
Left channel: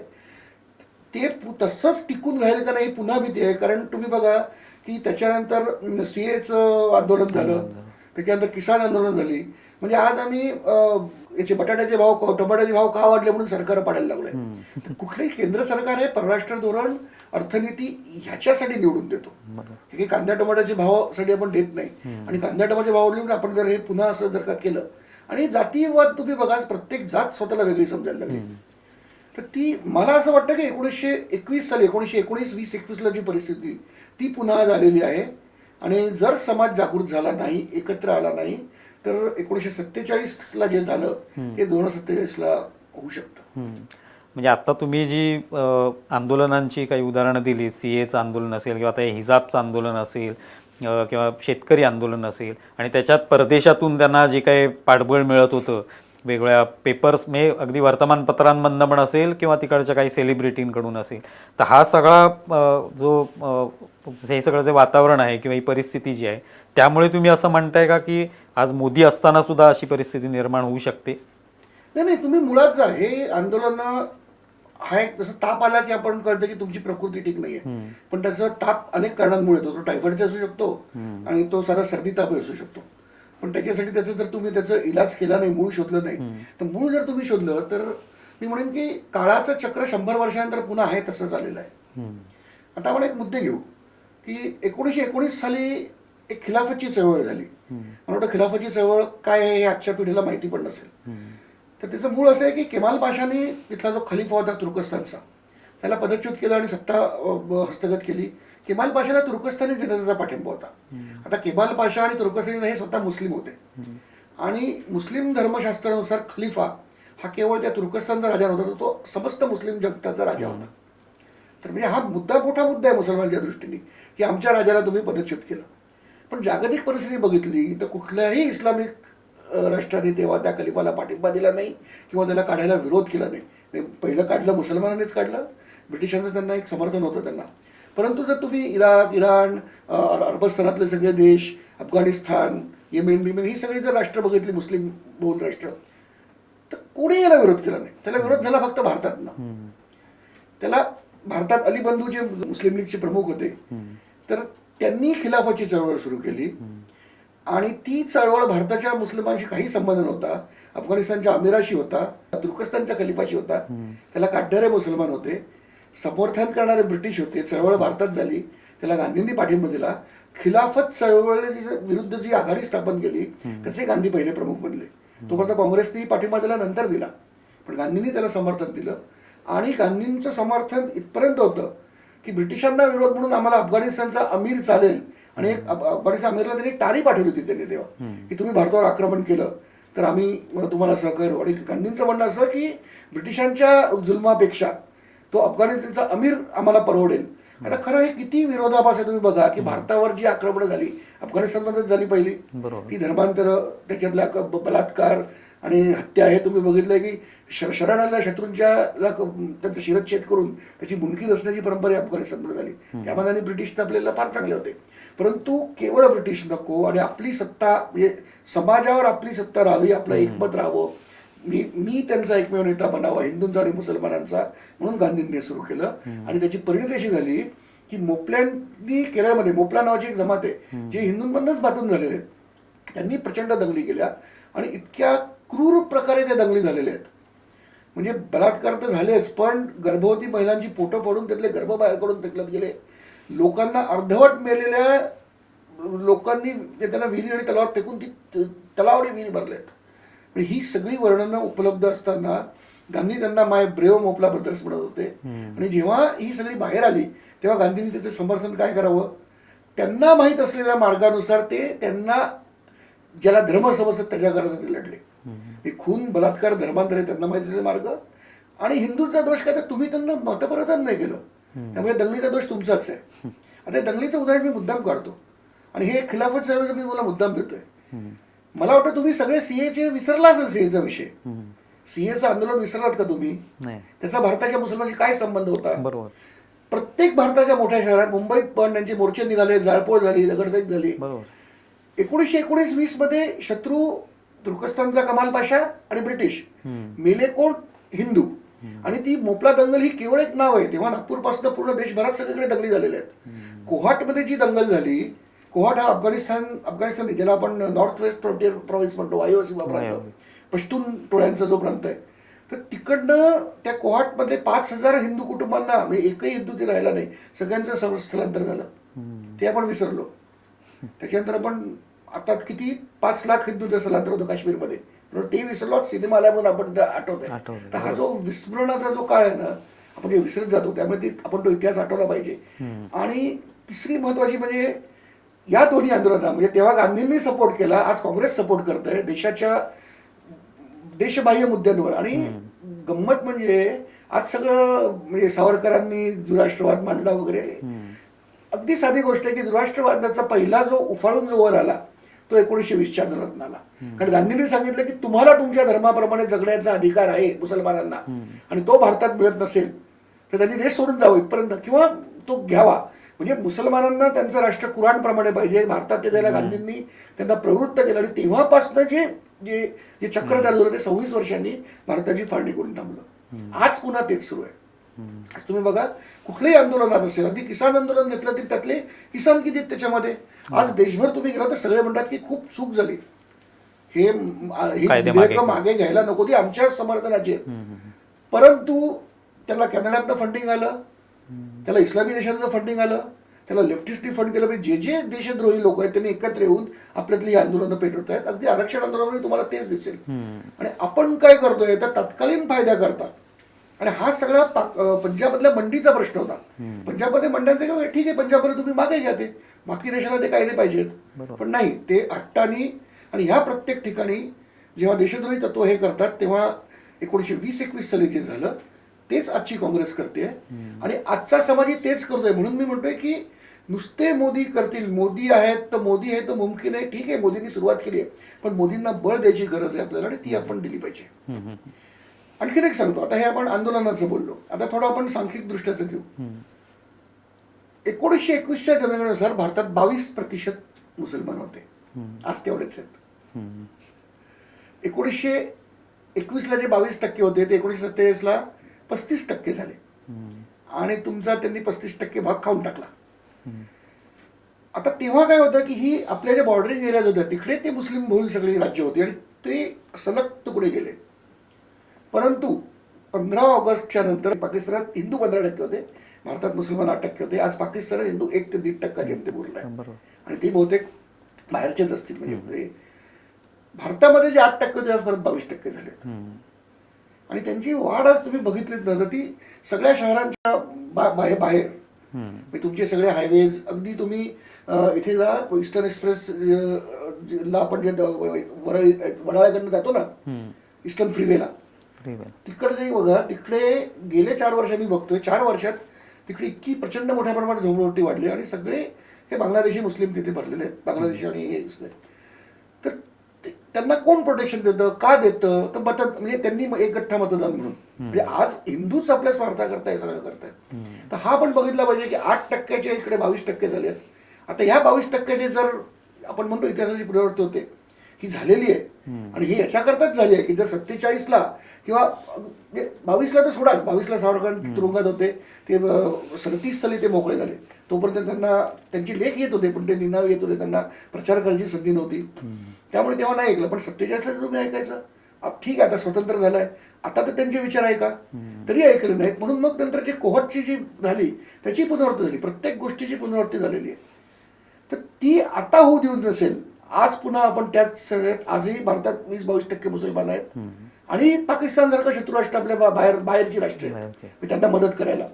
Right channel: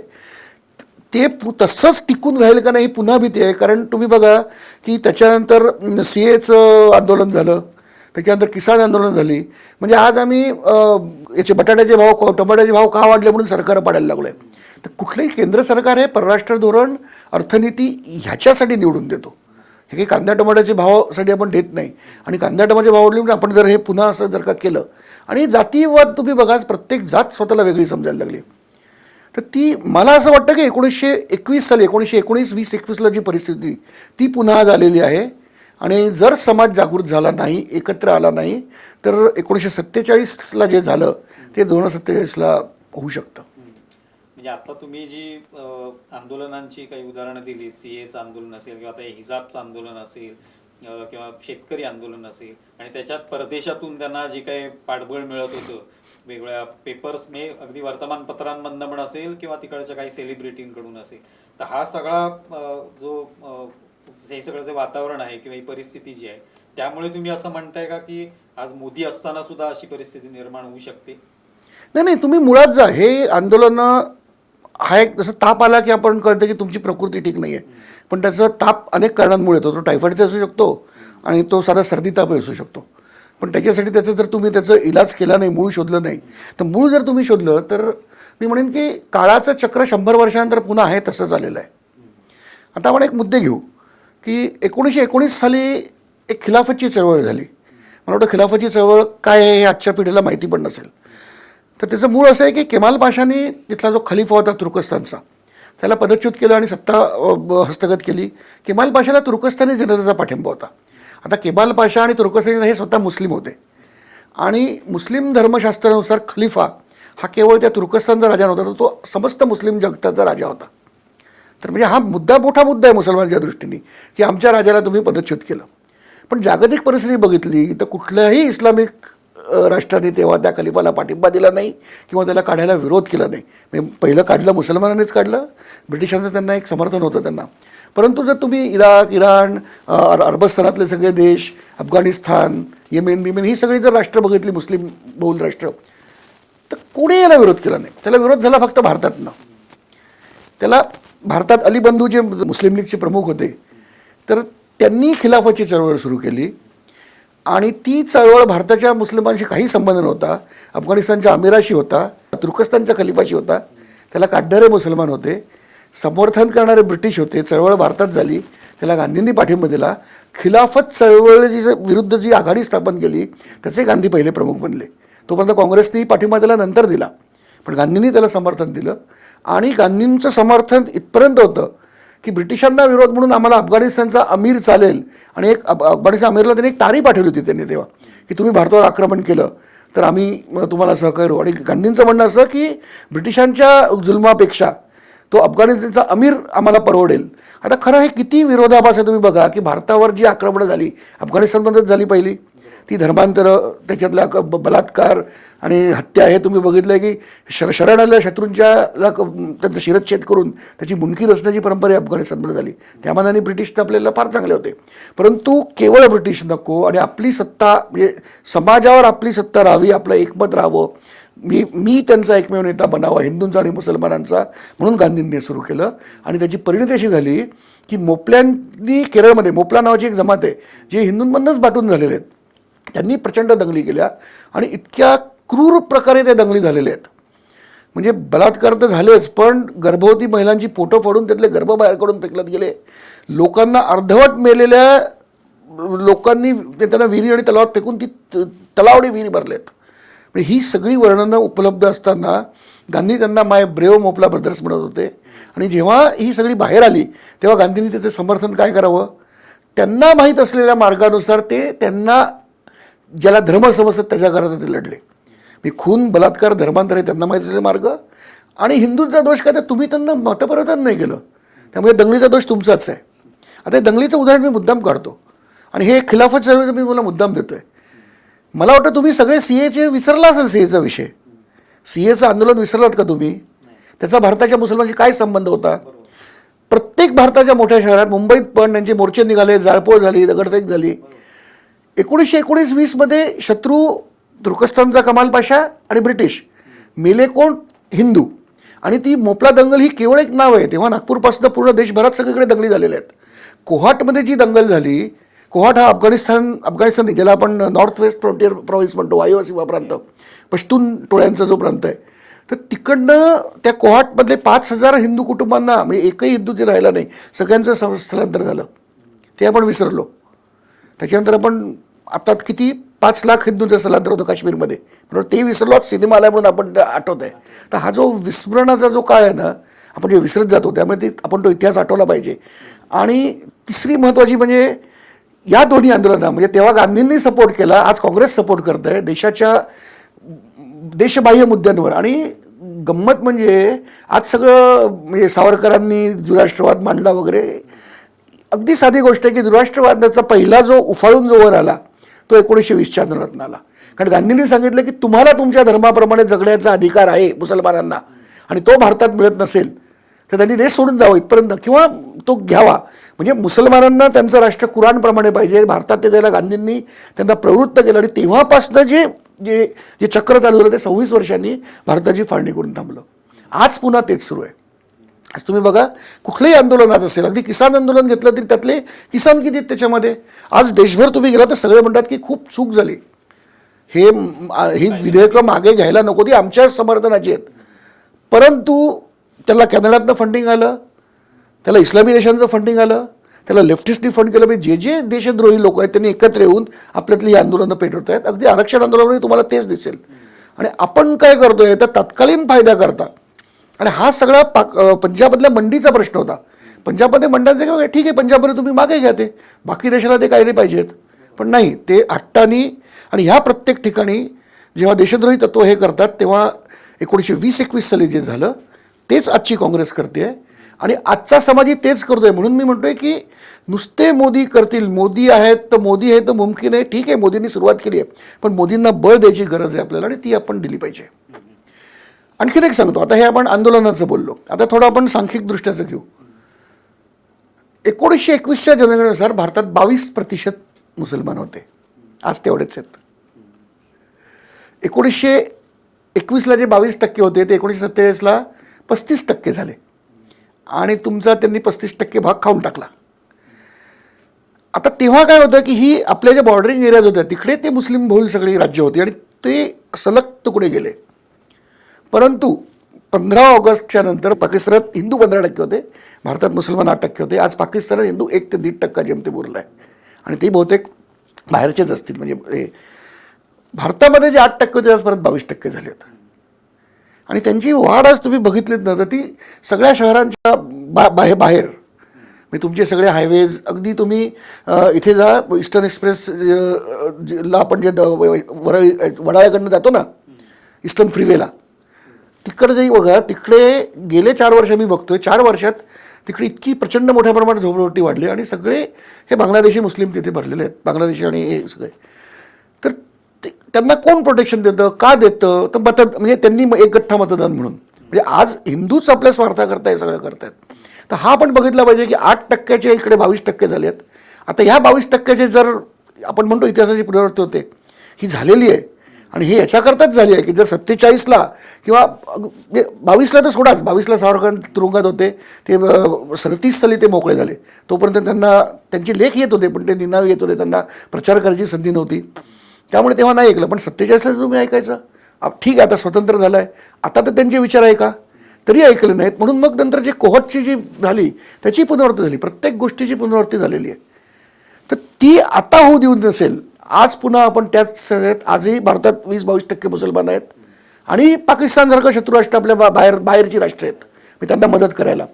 ते तसंच टिकून राहील का नाही ही पुन्हा भीती आहे. कारण तुम्ही बघा की त्याच्यानंतर CAचं आंदोलन झालं, त्याच्यानंतर किसान आंदोलन झाली. म्हणजे आज आम्ही याचे बटाट्याचे भाव, टमाट्याचे भाव का वाढले म्हणून सरकार पाडायला लागलो आहे. तर कुठलंही केंद्र सरकार हे परराष्ट्र धोरण, अर्थनीती ह्याच्यासाठी निवडून देतो. हे काही कांदा टमाट्याचे भावासाठी आपण देत नाही. आणि कांदा टमाट्याचे भाव वाढले म्हणजे आपण जर हे पुन्हा असं जर का केलं आणि जातीवाद तुम्ही बघा, प्रत्येक जात स्वतःला वेगळी समजायला लागली. तर ती मला असं वाटतं की 1921 साली 1919-20-21ला जी परिस्थिती ती पुन्हा झालेली आहे. आणि जर समाज जागृत झाला नाही, एकत्र आला नाही, तर 1947ला जे झालं ते 2047ला होऊ शकतं. म्हणजे आता तुम्ही जी आंदोलनांची काही उदाहरणं दिली, CAचं आंदोलन असेल किंवा आता हिजाबचं आंदोलन असेल किंवा शेतकरी आंदोलन असेल आणि त्याच्यात परदेशातून त्यांना जे काही पाठबळ मिळत होतं वेगवेगळ्या पेपर्स म्हणजे अगदी वर्तमानपत्रांमधनं पण असेल किंवा तिकडच्या काही सेलिब्रिटींकडून असेल, तर हा सगळा हे सगळं जे वातावरण आहे किंवा ही परिस्थिती जी आहे त्यामुळे तुम्ही असं म्हणताय का की आज मोदी असताना सुद्धा अशी परिस्थिती निर्माण होऊ शकते? नाही, तुम्ही मुळात जा. हे आंदोलनं हा एक जसं ताप आला की आपण कळतं की तुमची प्रकृती ठीक नाही आहे, पण त्याचा ताप अनेक कारणांमुळे येतो. तो टायफॉइडचा असू शकतो आणि तो साधा सर्दी ताप असू शकतो. पण त्याच्यासाठी जर तुम्ही त्याचा इलाज केला नाही, मूळ शोधलं नाही, तर मूळ जर तुम्ही शोधलं तर मी म्हणेन की काळाचं चक्र 100 वर्षानंतर पुन्हा आहे तसं झालेलं आहे. आता आपण एक मुद्दे घेऊ की 1919 साली एक खिलाफतची चळवळ झाली. मला वाटतं खिलाफतची चळवळ काय आहे हे आजच्या पिढीला माहिती पण नसेल. तर त्याचं मूळ असं आहे की केमाल पाशाने तिथला जो खलिफा होता तुर्कस्तानचा त्याला पदच्युत केलं आणि सत्ता हस्तगत केली. केमाल पाशाला तुर्कस्तानी जनतेचा पाठिंबा होता. आता केमाल पाशा आणि तुर्कस्तानी हे स्वतः मुस्लिम होते आणि मुस्लिम धर्मशास्त्रानुसार खलिफा हा केवळ त्या तुर्कस्तानचा राजा नव्हता, तर तो समस्त मुस्लिम जगताचा राजा होता. तर म्हणजे हा मोठा मुद्दा आहे मुसलमानांच्या दृष्टीने की आमच्या राजाला तुम्ही पदच्युत केलं. पण जागतिक परिस्थिती बघितली तर कुठल्याही इस्लामिक राष्ट्राने तेव्हा त्या खलिफाला पाठिंबा दिला नाही किंवा त्याला काढायला विरोध केला नाही. म्हणजे पहिलं काढलं मुसलमानांनीच काढलं, ब्रिटिशांचं त्यांना एक समर्थन होतं त्यांना. परंतु जर तुम्ही इराक, इराण, अरबस्थानातले सगळे देश, अफगाणिस्तान, येमेन ही सगळी जर राष्ट्र बघितली मुस्लिम बहुल राष्ट्र, तर कोणी याला विरोध केला नाही. त्याला विरोध झाला फक्त भारतातनं. त्याला भारतात अली बंधू जे मुस्लिम लीगचे प्रमुख होते तर त्यांनी खिलाफतची चळवळ सुरू केली आणि ती चळवळ भारताच्या मुस्लिमांशी काही संबंध नव्हता. अफगाणिस्तानच्या अमिराशी होता, तुर्कस्तानच्या खलिफाशी होता. त्याला काढणारे मुसलमान होते. समर्थन करणारे ब्रिटिश होते, चळवळ भारतात झाली, त्याला गांधींनी पाठिंबा दिला. खिलाफत चळवळीची विरुद्ध जी आघाडी स्थापन केली त्याचे गांधी पहिले प्रमुख बनले. तोपर्यंत काँग्रेसनेही पाठिंबा दिला, नंतर दिला, पण गांधींनी त्याला समर्थन दिलं. आणि गांधींचं समर्थन इथपर्यंत होतं की ब्रिटिशांना विरोध म्हणून आम्हाला अफगाणिस्तानचा अमीर चालेल, आणि एक अफगाणिस्तान अमीरला त्यांनी एक तारी पाठवली होती त्यांनी तेव्हा, की तुम्ही भारतावर आक्रमण केलं तर आम्ही तुम्हाला सहकार्य करू. आणि गांधींचं म्हणणं असं की ब्रिटिशांच्या जुलमापेक्षा तो अफगाणिस्तानचा अमीर आम्हाला परवडेल. आता खरं हे किती विरोधाभास आहे तुम्ही बघा, की भारतावर जी आक्रमणं झाली अफगाणिस्तानमध्येच झाली पहिली, ती धर्मांतरं, त्याच्यातला बलात्कार आणि हत्या, हे तुम्ही बघितलं की शरण आलेल्या शत्रूंच्या त्यांचं शिरच्छेद करून त्याची मुंडकी रचण्याची परंपरा अफगाणिस्तानमध्ये झाली. त्यामध्ये ब्रिटिश तर आपल्याला फार चांगले होते, परंतु केवळ ब्रिटिश नको आणि आपली सत्ता, म्हणजे समाजावर आपली सत्ता राहावी, आपलं एकमत राहावं, मी त्यांचा एकमेव नेता बनावा हिंदूंचा आणि मुसलमानांचा, म्हणून गांधींनी सुरू केलं. आणि त्याची परिणती अशी झाली की मोपल्यांनी, केरळमध्ये मोपला नावाची एक जमात आहे जे हिंदूंमधूनच बाटून झालेले आहेत, त्यांनी प्रचंड दंगली केल्या आणि इतक्या क्रूर प्रकारे त्या दंगली झालेल्या आहेत. म्हणजे बलात्कार तर झालेच, पण गर्भवती महिलांची फोटो फाडून त्यातले गर्भ बाहेर काढून फेकण्यात गेले. लोकांना अर्धवट मेलेल्या लोकांनी त्यांना विहिरी आणि तलावात फेकून ती तलावडी विहिरी भरलेत. म्हणजे ही सगळी वर्णनं उपलब्ध असताना गांधी त्यांना माय ब्रेव मोपला ब्रदर्स म्हणत होते. आणि जेव्हा ही सगळी बाहेर आली तेव्हा गांधींनी त्याचं समर्थन काय करावं, त्यांना माहीत असलेल्या मार्गानुसार ते त्यांना ज्याला धर्म समजतात त्याच्याकरता ते लढले. मी खून, बलात्कार, धर्मांतर हे त्यांना माहीत असलेले मार्ग, आणि हिंदूंचा दोष काय तर तुम्ही त्यांना मतपरिवर्तन नाही केलं, त्यामुळे दंगलीचा दोष तुमचाच आहे. आता हे दंगलीचं उदाहरण मी मुद्दाम काढतो आणि हे खिलाफत चळवळीचं मी मला मुद्दाम देतोय. मला वाटतं तुम्ही सगळे सीएचे विसरला असेल, सीएचा विषय, सीएचं आंदोलन विसरलात का तुम्ही? त्याचा भारताच्या मुसलमानांशी काय संबंध होता? प्रत्येक भारताच्या मोठ्या शहरात, मुंबईत पण त्यांचे मोर्चे निघाले, जाळपोळ झाली, दगडफेक झाली. 1919-20 मध्ये शत्रू तुर्कस्तानचा कमाल पाशा आणि ब्रिटिश, मेले कोण? हिंदू. आणि ती मोपला दंगल ही केवळ एक नाव आहे, तेव्हा नागपूरपासून पूर्ण देशभरात सगळीकडे दंगली झालेल्या आहेत. कोहाटमध्ये जी दंगल झाली, कोहाट हा अफगाणिस्तान ज्याला आपण नॉर्थ वेस्ट फ्रंटियर प्रॉव्हिन्स म्हणतो, वायव्य सीमा प्रांत, पश्तून टोळ्यांचा जो प्रांत आहे, तर तिकडनं त्या कोहाटमधले 5,000 हिंदू कुटुंबांना, म्हणजे एकही हिंदू ते राहिला नाही, सगळ्यांचं स्थलांतर झालं. ते आपण विसरलो. त्याच्यानंतर आपण आता किती 5 लाख हिंदूंचं स्थलांतर होतं काश्मीरमध्ये, ते विसरलो. सिनेमा आल्या म्हणून आपण आठवत आहे. तर हा जो विस्मरणाचा जो काळ आहे ना, आपण जे विसरत जातो, त्यामुळे आपण तो इतिहास आठवला पाहिजे. आणि तिसरी महत्त्वाची म्हणजे या दोन्ही आंदोलनांना, म्हणजे तेव्हा गांधींनी सपोर्ट केला, आज काँग्रेस सपोर्ट करत आहे देशाच्या देशबाह्य मुद्द्यांवर. आणि गंमत म्हणजे आज सगळं, म्हणजे सावरकरांनी द्विराष्ट्रवाद मांडला वगैरे, अगदी साधी गोष्ट आहे की द्विराष्ट्रवादाचा पहिला जो उफाळून जो वर आला तो 1920च्या आंदोलनात आला. कारण गांधींनी सांगितलं की तुम्हाला तुमच्या धर्माप्रमाणे जगण्याचा अधिकार आहे मुसलमानांना, आणि तो भारतात मिळत नसेल तर त्यांनी देश सोडून जावं इथपर्यंत, किंवा तो घ्यावा. म्हणजे मुसलमानांना त्यांचं राष्ट्र कुराणप्रमाणे पाहिजे, भारतात ते द्यायला गांधींनी त्यांना प्रवृत्त केलं. आणि तेव्हापासून जे जे जे चक्र चालू झालं ते 26 वर्षांनी भारताची फाळणी करून थांबलं. आज पुन्हा तेच सुरू आहे. आज तुम्ही बघा, कुठलंही आंदोलनात असेल, अगदी किसान आंदोलन घेतलं तरी त्यातले किसान किती आहेत त्याच्यामध्ये. आज त्याला तुम्ही गेला तर सगळे म्हणतात की खूप चूक झाली, ही विधेयकं मागे घ्यायला नको, ती आमच्याच समर्थनाची आहेत. परंतु त्याला कॅनडातनं फंडिंग आलं, त्याला इस्लामी देशांचं फंडिंग आलं, त्याला लेफ्टिस्टनी फंड केलं. म्हणजे जे देशद्रोही लोक आहेत त्यांनी एकत्र येऊन आपल्यातली ही आंदोलनं पेटवत आहेत. अगदी आरक्षण आंदोलनामध्ये तुम्हाला तेच दिसेल. आणि आपण काय करतोय तर तत्कालीन फायदा करता. आणि हा सगळा पंजाबमधल्या मंडीचा प्रश्न होता. पंजाबमध्ये मंड्यांचे ठीक आहे, पंजाबमध्ये तुम्ही मागे घ्या, ते बाकी देशाला ते कायदे पाहिजेत, पण नाही, ते हट्टानी. आणि ह्या प्रत्येक ठिकाणी जेव्हा देशद्रोही तत्व हे करतात तेव्हा 1920-21 साली जे झालं तेच आजची काँग्रेस करते आहे. आणि आजचा समाजही तेच करतोय. म्हणून मी म्हणतोय की नुसते मोदी करतील, मोदी आहेत तर मोदी आहे तर मुमकिन आहे. ठीक आहे, मोदींनी सुरुवात केली आहे, पण मोदींना बळ द्यायची गरज आहे आपल्याला, आणि ती आपण दिली पाहिजे. आणखीन एक सांगतो, आता हे आपण आंदोलनाचं बोललो, आता थोडं आपण सांख्यिक दृष्ट्याचं घेऊ. 1921च्या जनगणनेनुसार भारतात 22% मुसलमान होते, आज तेवढेच आहेत. 1921ला जे 22% होते ते 1947ला 35% झाले, आणि तुमचा त्यांनी 35% भाग खाऊन टाकला. आता तेव्हा काय होतं की ही आपल्या ज्या बॉर्डरिंग एरियाज होत्या तिकडे ते मुस्लिम बहुल सगळी राज्य होती, आणि ते सलग तुकडे गेले. परंतु 15 ऑगस्टच्या नंतर पाकिस्तानात हिंदू 15% होते, भारतात मुसलमान 8% होते. आज पाकिस्तानात हिंदू 1 ते 1.5% जेमतेम उरला आहे आणि ते बहुतेक बाहेरचेच असतील. म्हणजे भारतामध्ये जे 8% होते आज परत 22% झाले आहेत. आणि त्यांची वाढ आज तुम्ही बघितलीत ना तर ती सगळ्या शहरांच्या बाहेर म्हणजे तुमचे सगळे हायवेज अगदी तुम्ही इथे जा ईस्टर्न एक्सप्रेस ला आपण जे वडाळ्याकडनं जातो ना ईस्टर्न फ्रीवेला तिकडे जाई बघा, तिकडे गेले 4 वर्ष मी बघतोय 4 वर्षात तिकडे इतकी प्रचंड मोठ्या प्रमाणात झोपडपट्टी वाढली आणि सगळे हे बांगलादेशी मुस्लिम तिथे भरलेले आहेत, बांगलादेशी आणि हे सगळे. तर त्यांना कोण प्रोटेक्शन देतं, का देतं, तर म्हणजे त्यांनी एक गठ्ठा मतदान म्हणून. म्हणजे आज हिंदूच आपल्या स्वार्थाकरता हे सगळं करतायत. तर हा पण बघितला पाहिजे की 8%चे इकडे 22% झाले आहेत. आता ह्या 22%चे जर आपण म्हणतो इतिहासाची पुनरावृत्ती होते ही झालेली आहे आणि ही याच्याकरताच झाली आहे की जर 47ला किंवा 22ला तर सोडाच, 22ला सावरकर तुरुंगात होते, ते 37 साली ते मोकळे झाले. तोपर्यंत त्यांना त्यांचे लेख येत होते पण ते निनावी येत होते, त्यांना प्रचार करायची संधी नव्हती, त्यामुळे तेव्हा नाही ऐकलं. पण 47ला तुम्ही ऐकायचं, ठीक आहे आता स्वतंत्र झालं आहे, आता तर त्यांचे विचार आहे का, तरी ऐकले नाहीत. म्हणून मग नंतर जी कोहटची जी झाली त्याची पुनरावृत्ती झाली, प्रत्येक गोष्टीची पुनरावृत्ती झालेली आहे. तर ती आता होऊ देऊ नसेल. आज पुन्हा आपण त्याच आजही भारतात 20-22% मुसलमान आहेत आणि पाकिस्तानसारखं शत्रुराष्ट्र आपल्या बाहेरची राष्ट्र आहेत, मी त्यांना मदत करायला.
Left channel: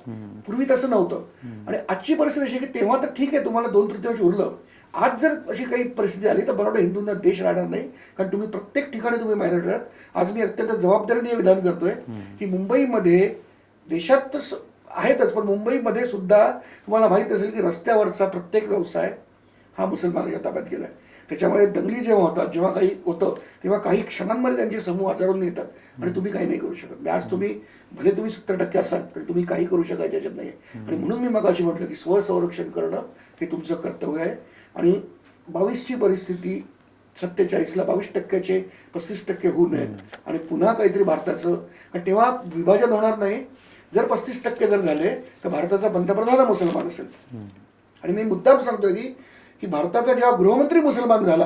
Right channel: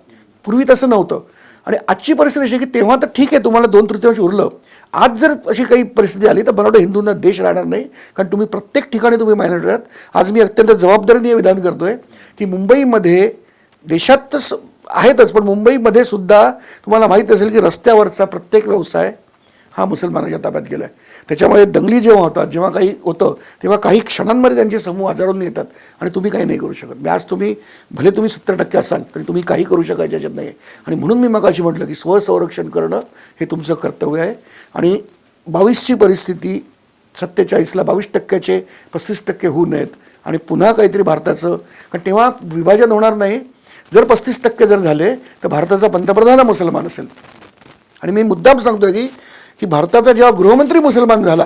पूर्वी तसं नव्हतं. आणि आजची परिस्थिती अशी की तेव्हा तर ठीक आहे तुम्हाला 2/3 उरलं, आज जर अशी काही परिस्थिती आली तर मला वाटतं हिंदूंना देश राहणार नाही, कारण तुम्ही प्रत्येक ठिकाणी तुम्ही मायनॉरिटी आहात. आज मी अत्यंत जबाबदारीने विधान करतोय की मुंबईमध्ये देशात तर आहेतच पण मुंबईमध्ये सुद्धा तुम्हाला माहीत असेल की रस्त्यावरचा प्रत्येक व्यवसाय हा मुसलमानाच्या ताब्यात गेला आहे. त्याच्यामुळे दंगली जेव्हा होतात, जेव्हा काही होतं तेव्हा काही क्षणांमध्ये त्यांचे समूह हजारोंनी येतात आणि तुम्ही काही नाही करू शकत. आज तुम्ही भले तुम्ही 70% असाल तरी तुम्ही काही करू शकायचे याच्यात नाही. आणि म्हणून मी मगाशी म्हटलं की स्वसंरक्षण करणं हे तुमचं कर्तव्य आहे. आणि 22ची परिस्थिती 47ला 22%चे 35% होऊ नयेत आणि पुन्हा काहीतरी भारताचं, कारण तेव्हा विभाजन होणार नाही. जर 35% जर झाले तर भारताचा पंतप्रधान हा मुसलमान असेल. आणि मी मुद्दाम सांगतोय की भारताचा जेव्हा गृहमंत्री मुसलमान झाला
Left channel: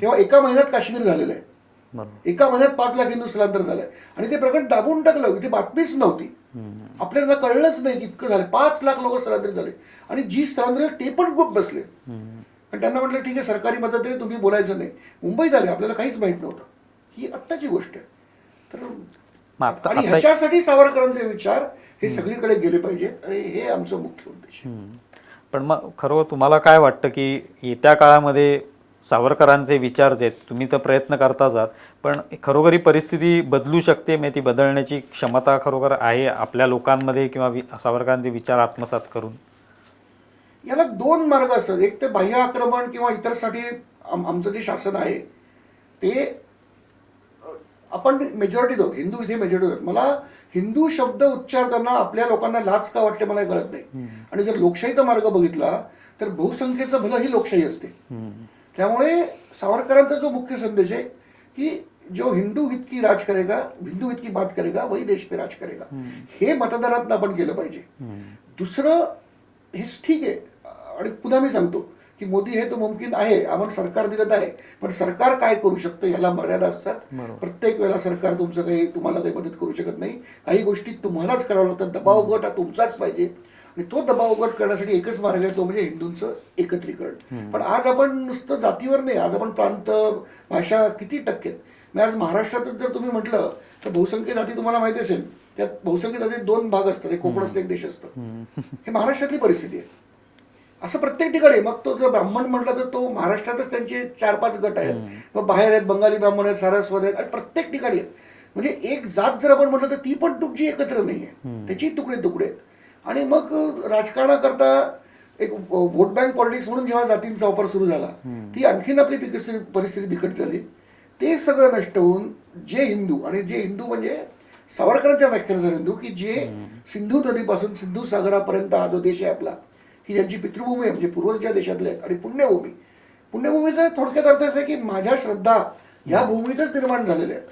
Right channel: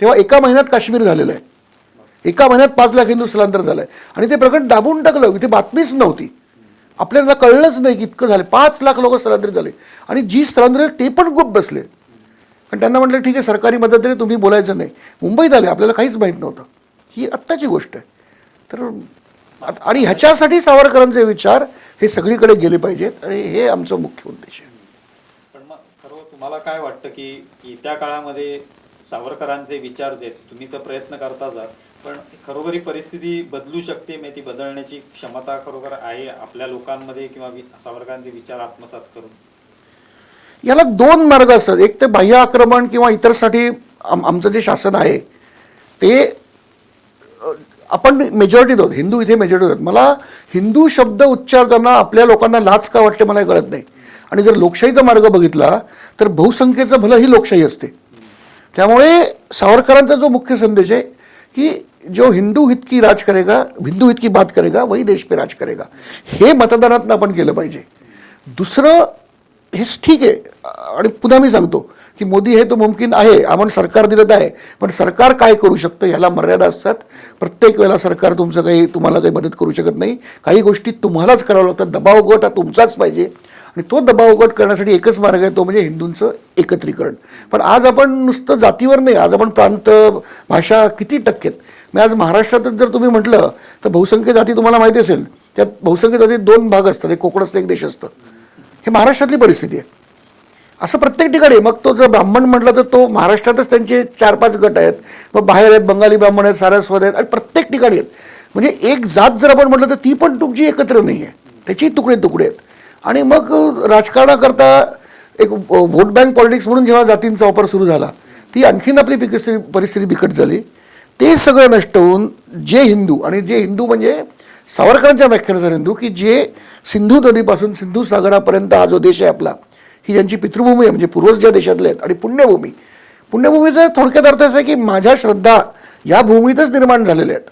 तेव्हा एका महिन्यात काश्मीर झालेलं आहे, एका महिन्यात 5 लाख हिंदू स्थलांतर झालंय आणि ते प्रकरण दाबून टाकलं. इथे बातमीच नव्हती, आपल्याला कळलंच नाही की इतकं झालं. 5 लाख लोक स्थलांतरित झाले आणि जी स्थलांतरित ते पण गुप बसले आणि त्यांना म्हटलं ठीक आहे सरकारी मदत तरी तुम्ही बोलायचं नाही. मुंबईत आले, आपल्याला काहीच माहीत नव्हतं. ही आत्ताची गोष्ट आहे. तर आणि ह्याच्यासाठी सावरकरांचे विचार हे सगळीकडे गेले पाहिजेत आणि हे आमचं मुख्य उद्देश आहे. पण मग खरं तुम्हाला काय वाटतं की येत्या काळामध्ये सावरकरांचे विचार जे आहेत, तुम्ही तर प्रयत्न करताच आहात, पण खरोखरी परिस्थिती बदलू शकते, ती बदलण्याची क्षमता खरोखर आहे आपल्या लोकांमध्ये किंवा सावरकरांचे विचार आत्मसात करून? याला 2 मार्ग असतात. एक तर बाह्य आक्रमण किंवा इतरसाठी आमचं जे शासन आहे ते आपण मेजॉरिटीत आहोत, हिंदू इथे मेजॉरिटीत आहोत. मला हिंदू शब्द उच्चारताना आपल्या लोकांना लाज का वाटते मला कळत नाही. आणि जर लोकशाहीचा मार्ग बघितला तर बहुसंख्येचं भलं ही लोकशाही असते. त्यामुळे सावरकरांचा जो मुख्य संदेश आहे की जो हिंदू हित की राज करेगा, हिंदू हित की बात करेगा वही देश पे राज करेगा, हे मतदानात आपण केलं पाहिजे. दुसरं हेच ठीक आहे. आणि पुन्हा मी सांगतो की मोदी हे तो मुमकिन आहे, आपण सरकार दिलं आहे, पण सरकार काय करू शकतं ह्याला मर्यादा असतात. प्रत्येक वेळेला सरकार तुम्हाला काही मदत करू शकत नाही. काही गोष्टी तुम्हालाच करावं लागतात. दबाव गट हा तुमचाच पाहिजे आणि तो दबाव गट करण्यासाठी एकच मार्ग आहे, तो म्हणजे हिंदूंचं एकत्रीकरण. पण आज आपण नुसतं जातीवर नाही, आज आपण प्रांत, भाषा किती टक्केत. मी आज महाराष्ट्रातच जर तुम्ही म्हटलं तर बहुसंख्य जाती तुम्हाला माहिती असेल, त्यात बहुसंख्य जातीत 2 भाग असतात, एक कोकण असतं एक देश असतं. हे महाराष्ट्रातली परिस्थिती आहे. असं प्रत्येक ठिकाणी. मग तो जर ब्राह्मण म्हटलं तर तो महाराष्ट्रातच त्यांचे 4-5 गट आहेत, मग बाहेर आहेत, बंगाली ब्राह्मण आहेत, सारस्वत आहेत आणि प्रत्येक ठिकाणी आहेत. म्हणजे एक जात जर आपण म्हटलं तर ती पण तुमची एकत्र नाही आहे, त्याची तुकडे तुकडे आहेत. आणि मग राजकारणाकरता एक व्होट बँक पॉलिटिक्स म्हणून जेव्हा जातींचा वापर सुरू झाला ती आणखीन आपली परिस्थिती बिकट झाली. ते सगळं नष्ट होऊन जे हिंदू, आणि जे हिंदू म्हणजे सावरकरांच्या व्याख्यानुसार हिंदू की जे सिंधू नदीपासून सिंधू सागरापर्यंत हा जो देश आहे आपला, ही ज्यांची पितृभूमी आहे म्हणजे पूर्वज ज्या देशातले आहेत, आणि पुण्यभूमीचा थोडक्यात अर्थ असा आहे की माझ्या श्रद्धा या भूमीतच निर्माण झालेल्या आहेत.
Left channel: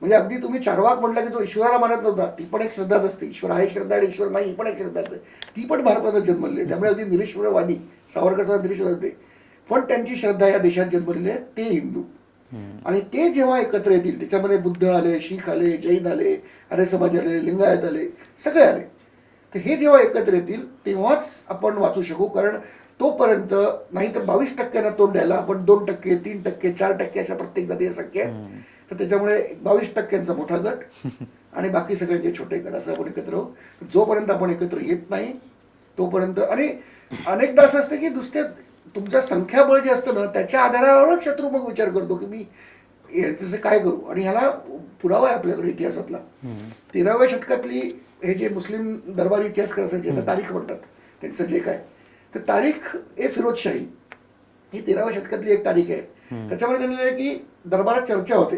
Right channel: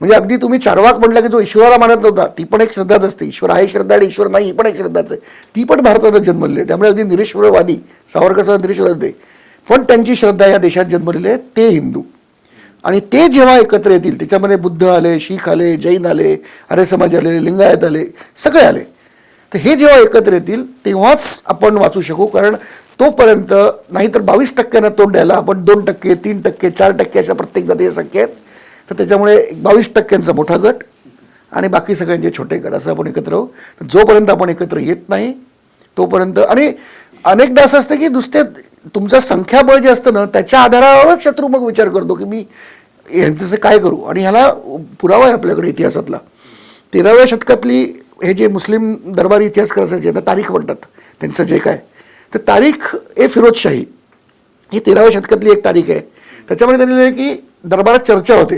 म्हणजे अगदी तुम्ही चार्वाक म्हटलं की जो ईश्वराला मानत नव्हता ती पण एक श्रद्धाच असते. ईश्वर आहे श्रद्धा आणि ईश्वर नाही ही पण एक श्रद्धाच आहे. ती पण भारतातच जन्मलेली आहे. त्यामुळे अगदी निरीश्वरवादी सावरकर निरीश्वर होते, पण त्यांची श्रद्धा या देशात जन्मलेली आहे ते हिंदू. आणि ते जेव्हा एकत्र येतील, त्याच्यामध्ये बुद्ध आले, शीख आले, जैन आले, आर्य समाज आले, लिंगायत आले, सगळे आले, तर हे जेव्हा एकत्र येतील तेव्हाच आपण वाचू शकू. कारण तोपर्यंत नाहीतर 22% तोंड द्यायला आपण 2%, 3%, 4% अशा प्रत्येक जातीय संख्या आहेत. तर त्याच्यामुळे 22% मोठा गट आणि बाकी सगळ्यांचे छोटे गट असं आपण एकत्र राहू. जोपर्यंत आपण एकत्र येत नाही तोपर्यंत, आणि अनेकदा असं असतं की नुसते तुमचं संख्याबळ जे असतं ना त्याच्या आधारावरच शत्रू मग विचार करतो की मी यांचं काय करू. आणि ह्याला पुरावा आहे आपल्याकडे इतिहासातला. 13व्या शतकातली हे जे मुस्लिम दरबारी इतिहासकार असायचे ना, तारीख म्हणतात त्यांचं जे काय, तर तारीख ए फिरोजशाही ही 13व्या शतकातली एक तारीख आहे. त्याच्यामध्ये त्यांनी लिहिलं की दरबारात चर्चा होते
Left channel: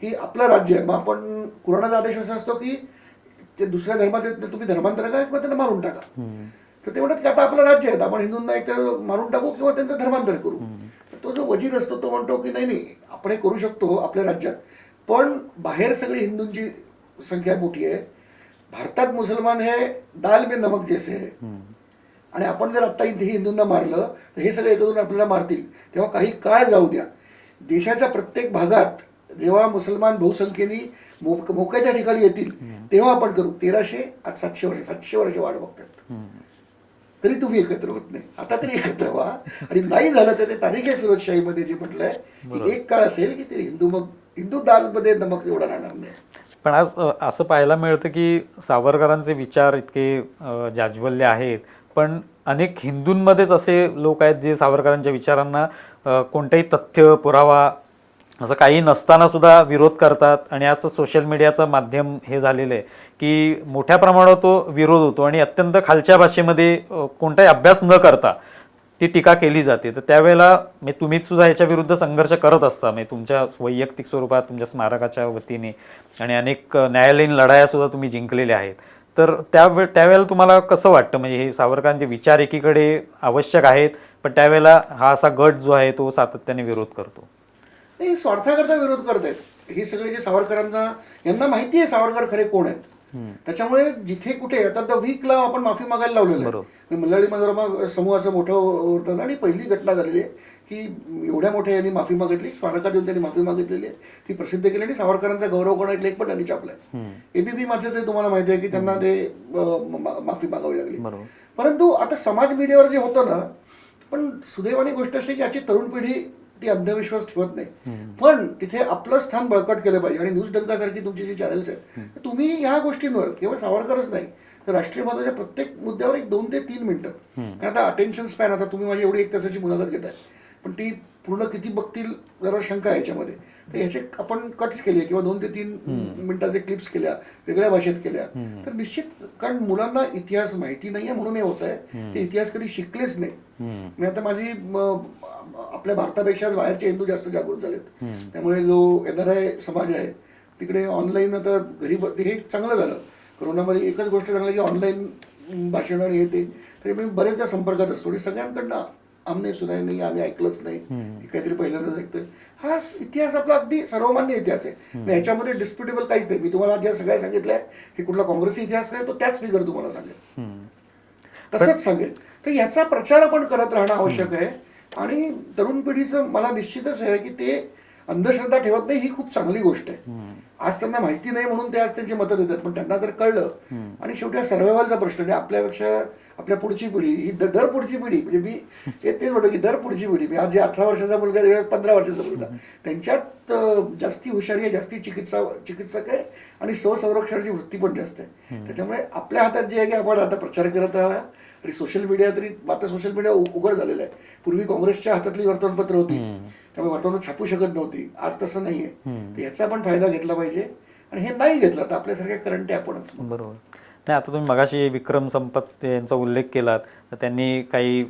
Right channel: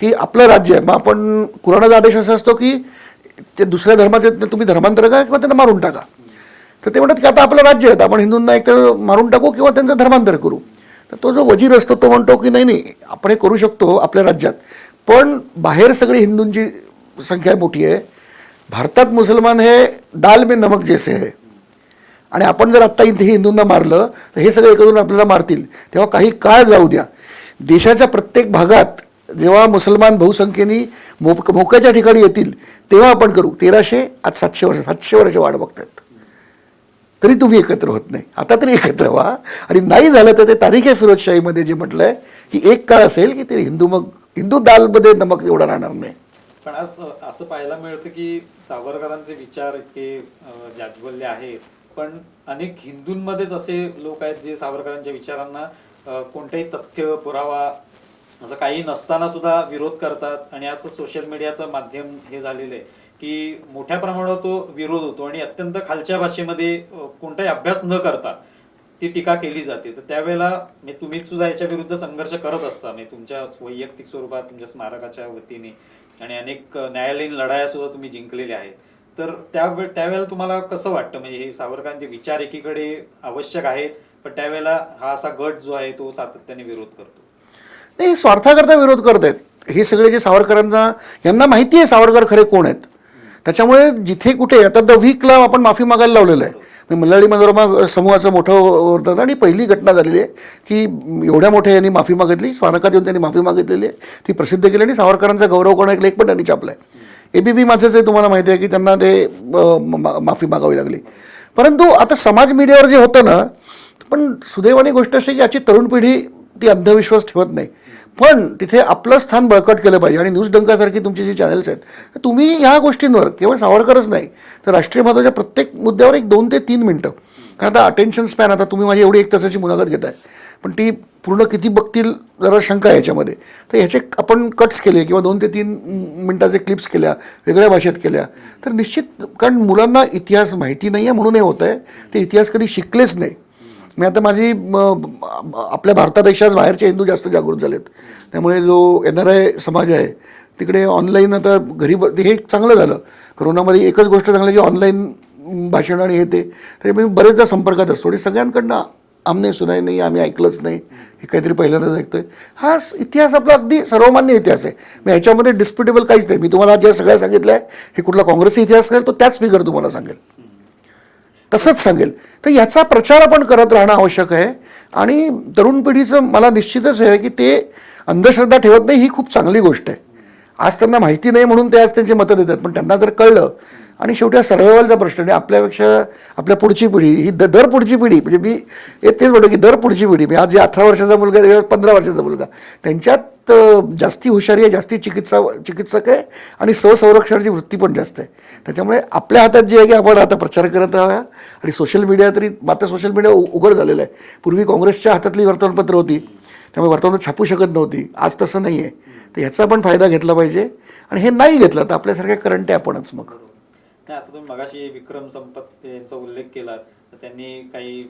की आपलं राज्य आहे, मग आपण कुराणाचा आदेश असा असतो की ते दुसऱ्या धर्माचे तुम्ही धर्मांतर करा किंवा त्यांना मारून टाका. तर ते म्हणतात की आता आपलं राज्य आहे, तर आपण हिंदूंना एक तर मारून टाकू किंवा त्यांचं धर्मांतर करू. तर तो जो वजीर असतो तो म्हणतो की नाही नाही, आपण हे करू शकतो आपल्या राज्यात, पण बाहेर सगळी हिंदूंची संख्या मोठी आहे, भारतात मुसलमान हे दाल में नमक जैसे आहे, आणि आपण जर आत्ता इथे हिंदूंना मारलं तर हे सगळे एकत्र आपल्याला मारतील. तेव्हा काही काळ जाऊ द्या, देशाच्या प्रत्येक भागात जेव्हा मुसलमान बहुसंख्येने मोक्याच्या ठिकाणी येतील तेव्हा आपण करू. 1300 आज 700 वर्ष वाट बघतात, तरी तुम्ही एकत्र होत नाही. आता तरी एकत्र व्हा, आणि नाही झालं तर ते तारीख आहे फिरोजशाहीमध्ये जे म्हटलंय की एक काळ असेल की ते हिंदू दालमध्ये नमक एवढा राहणार नाही. पण आज असं पाहायला मिळतं की सावरकरांचे विचार इतके जाज्वल्य आहेत, पण अनेक हिंदूंमध्येच असे लोक आहेत जे सावरकरांच्या विचारांना कोणताही तथ्य पुरावा असं काही नसताना सुद्धा विरोध करतात. आणि याचं सोशल मीडियाचं माध्यम हे झालेलं आहे की मोठ्या प्रमाणावर तो विरोध होतो आणि अत्यंत खालच्या भाषेमध्ये कोणताही अभ्यास न करता ती टीका केली जाते. तर त्यावेळेला तुम्हीच सुद्धा याच्या विरुद्ध संघर्ष करत असता, तुमच्या वैयक्तिक स्वरूपात तुमच्या स्मारकाच्या वतीने, आणि अनेक न्यायालयीन लढाया सुद्धा तुम्ही जिंकलेल्या आहेत. तर त्यावेळेला तुम्हाला कसं वाटतं, म्हणजे हे सावरकरांचे विचार एकीकडे आवश्यक आहेत, पण त्यावेळेला हा असा गट जो आहे तो सातत्याने विरोध करतो? नाही, स्वार्थाकरता विरोध करत आहेत हे सगळे जे सावरकरांना, यांना माहिती आहे सावरकर खरे कोण आहेत. त्याच्यामुळे जिथे कुठे आता द वीकला आपण माफी मागायला लावलेलं आहे. मल्याळी मनोरमा समूहाचं मोठं होतं आणि पहिली घटना झालेली आहे की एवढ्या मोठ्या यांनी माफी मागितली, स्मारकात येऊन त्यांनी माफी मागितलेली आहे, ती प्रसिद्ध केली आणि सावरकरांचा गौरव करणारा एक लेख पण त्यांनी छापलाय. ABP माझंच तुम्हाला माहिती आहे की त्यांना ते माफी मागावी लागली. परंतु आता समाज मीडियावर जे होतं ना, पण सुदैवाने गोष्ट अशी की याची तरुण पिढी ती अंधविश्वास ठेवत नाही, पण तिथे आपलं स्थान बळकट केलं पाहिजे. आणि न्यूज डंकासारखी तुमची जी चॅनल्स आहेत, तर तुम्ही ह्या गोष्टींवर केवळ सावरकरच नाही तर राष्ट्रीय महत्त्वाच्या प्रत्येक मुद्द्यावर 1 2 ते 3 मिनटं, कारण आता अटेन्शन स्पॅन, आता तुम्ही माझी एवढी 1 तासाची मुलाखत घेताय, पण ती पूर्ण किती बघतील जरा शंका आहे याच्यामध्ये. तर ह्याचे आपण कट्स केले किंवा 2 ते 3 मिनटाचे क्लिप्स केल्या, वेगळ्या भाषेत केल्या, तर निश्चित, कारण मुलांना इतिहास माहिती नाही आहे म्हणून हे होत आहे, ते इतिहास कधी शिकलेच नाही. मी आता माझी आपल्या भारतापेक्षाच बाहेरचे हिंदू जास्त जागृत झालेत, त्यामुळे जो NRI समाज आहे तिकडे ऑनलाईन आता घरी हे चांगलं झालं. कोरोनामध्ये एकच गोष्ट चांगली की ऑनलाईन भाषण आणि हे ते, त्यामुळे बरेचदा संपर्कात असतो आणि सगळ्यांकडनं आमने सुनाई नाही, आम्ही ऐकलंच नाही, हे काहीतरी पहिल्यांदाच ऐकतोय. हा इतिहास आपला अगदी सर्वमान्य इतिहास आहे, ह्याच्यामध्ये डिस्प्युटेबल काहीच नाही. मी तुम्हाला ज्या सगळ्या सांगितलं आहे हे कुठला काँग्रेसचा इतिहास आहे तो त्याच फिगर तुम्हाला सांगेल, तसंच सांगेल. तर याचा प्रचार आपण करत राहणं आवश्यक आहे. आणि तरुण पिढीचं मला निश्चितच आहे की ते अंधश्रद्धा ठेवत नाही, ही खूप चांगली गोष्ट आहे. आज त्यांना माहिती नाही म्हणून ते आज त्यांची मतं देतात, पण त्यांना जर कळलं, आणि शेवटी हा सर्व्हायवलचा प्रश्न आहे. आपल्यापेक्षा आपल्या पुढची पिढी ही दर पुढची पिढी, म्हणजे मी तेच म्हणतो की दर पुढची पिढी, मी आज जे 18 वर्षाचा मुलगा 15 वर्षाचा मुलगा, त्यांच्यात जास्ती हुशारी आहे, जास्ती चिकित्सक आहे आणि स्वसंरक्षणाची वृत्ती पण जास्त आहे. त्याच्यामुळे आपल्या हातात जे आहे की आपण आता प्रचार करत राहूया. आणि सोशल मीडिया तरी आता सोशल मीडिया उघड झालेलं आहे. पूर्वी काँग्रेसच्या हातातली वर्तमानपत्र होती, त्यामुळे वर्तमानात छापू शकत नव्हती, आज तसं नाही आहे. तर ह्याचा पण फायदा घेतला पाहिजे, आणि हे नाही घेतलं तर आपल्यासारख्या करंट आहे आपणच. मग बरोबर. नाही, आता तुम्ही मगाशी विक्रम संपत यांचा उल्लेख केलात, तर त्यांनी काही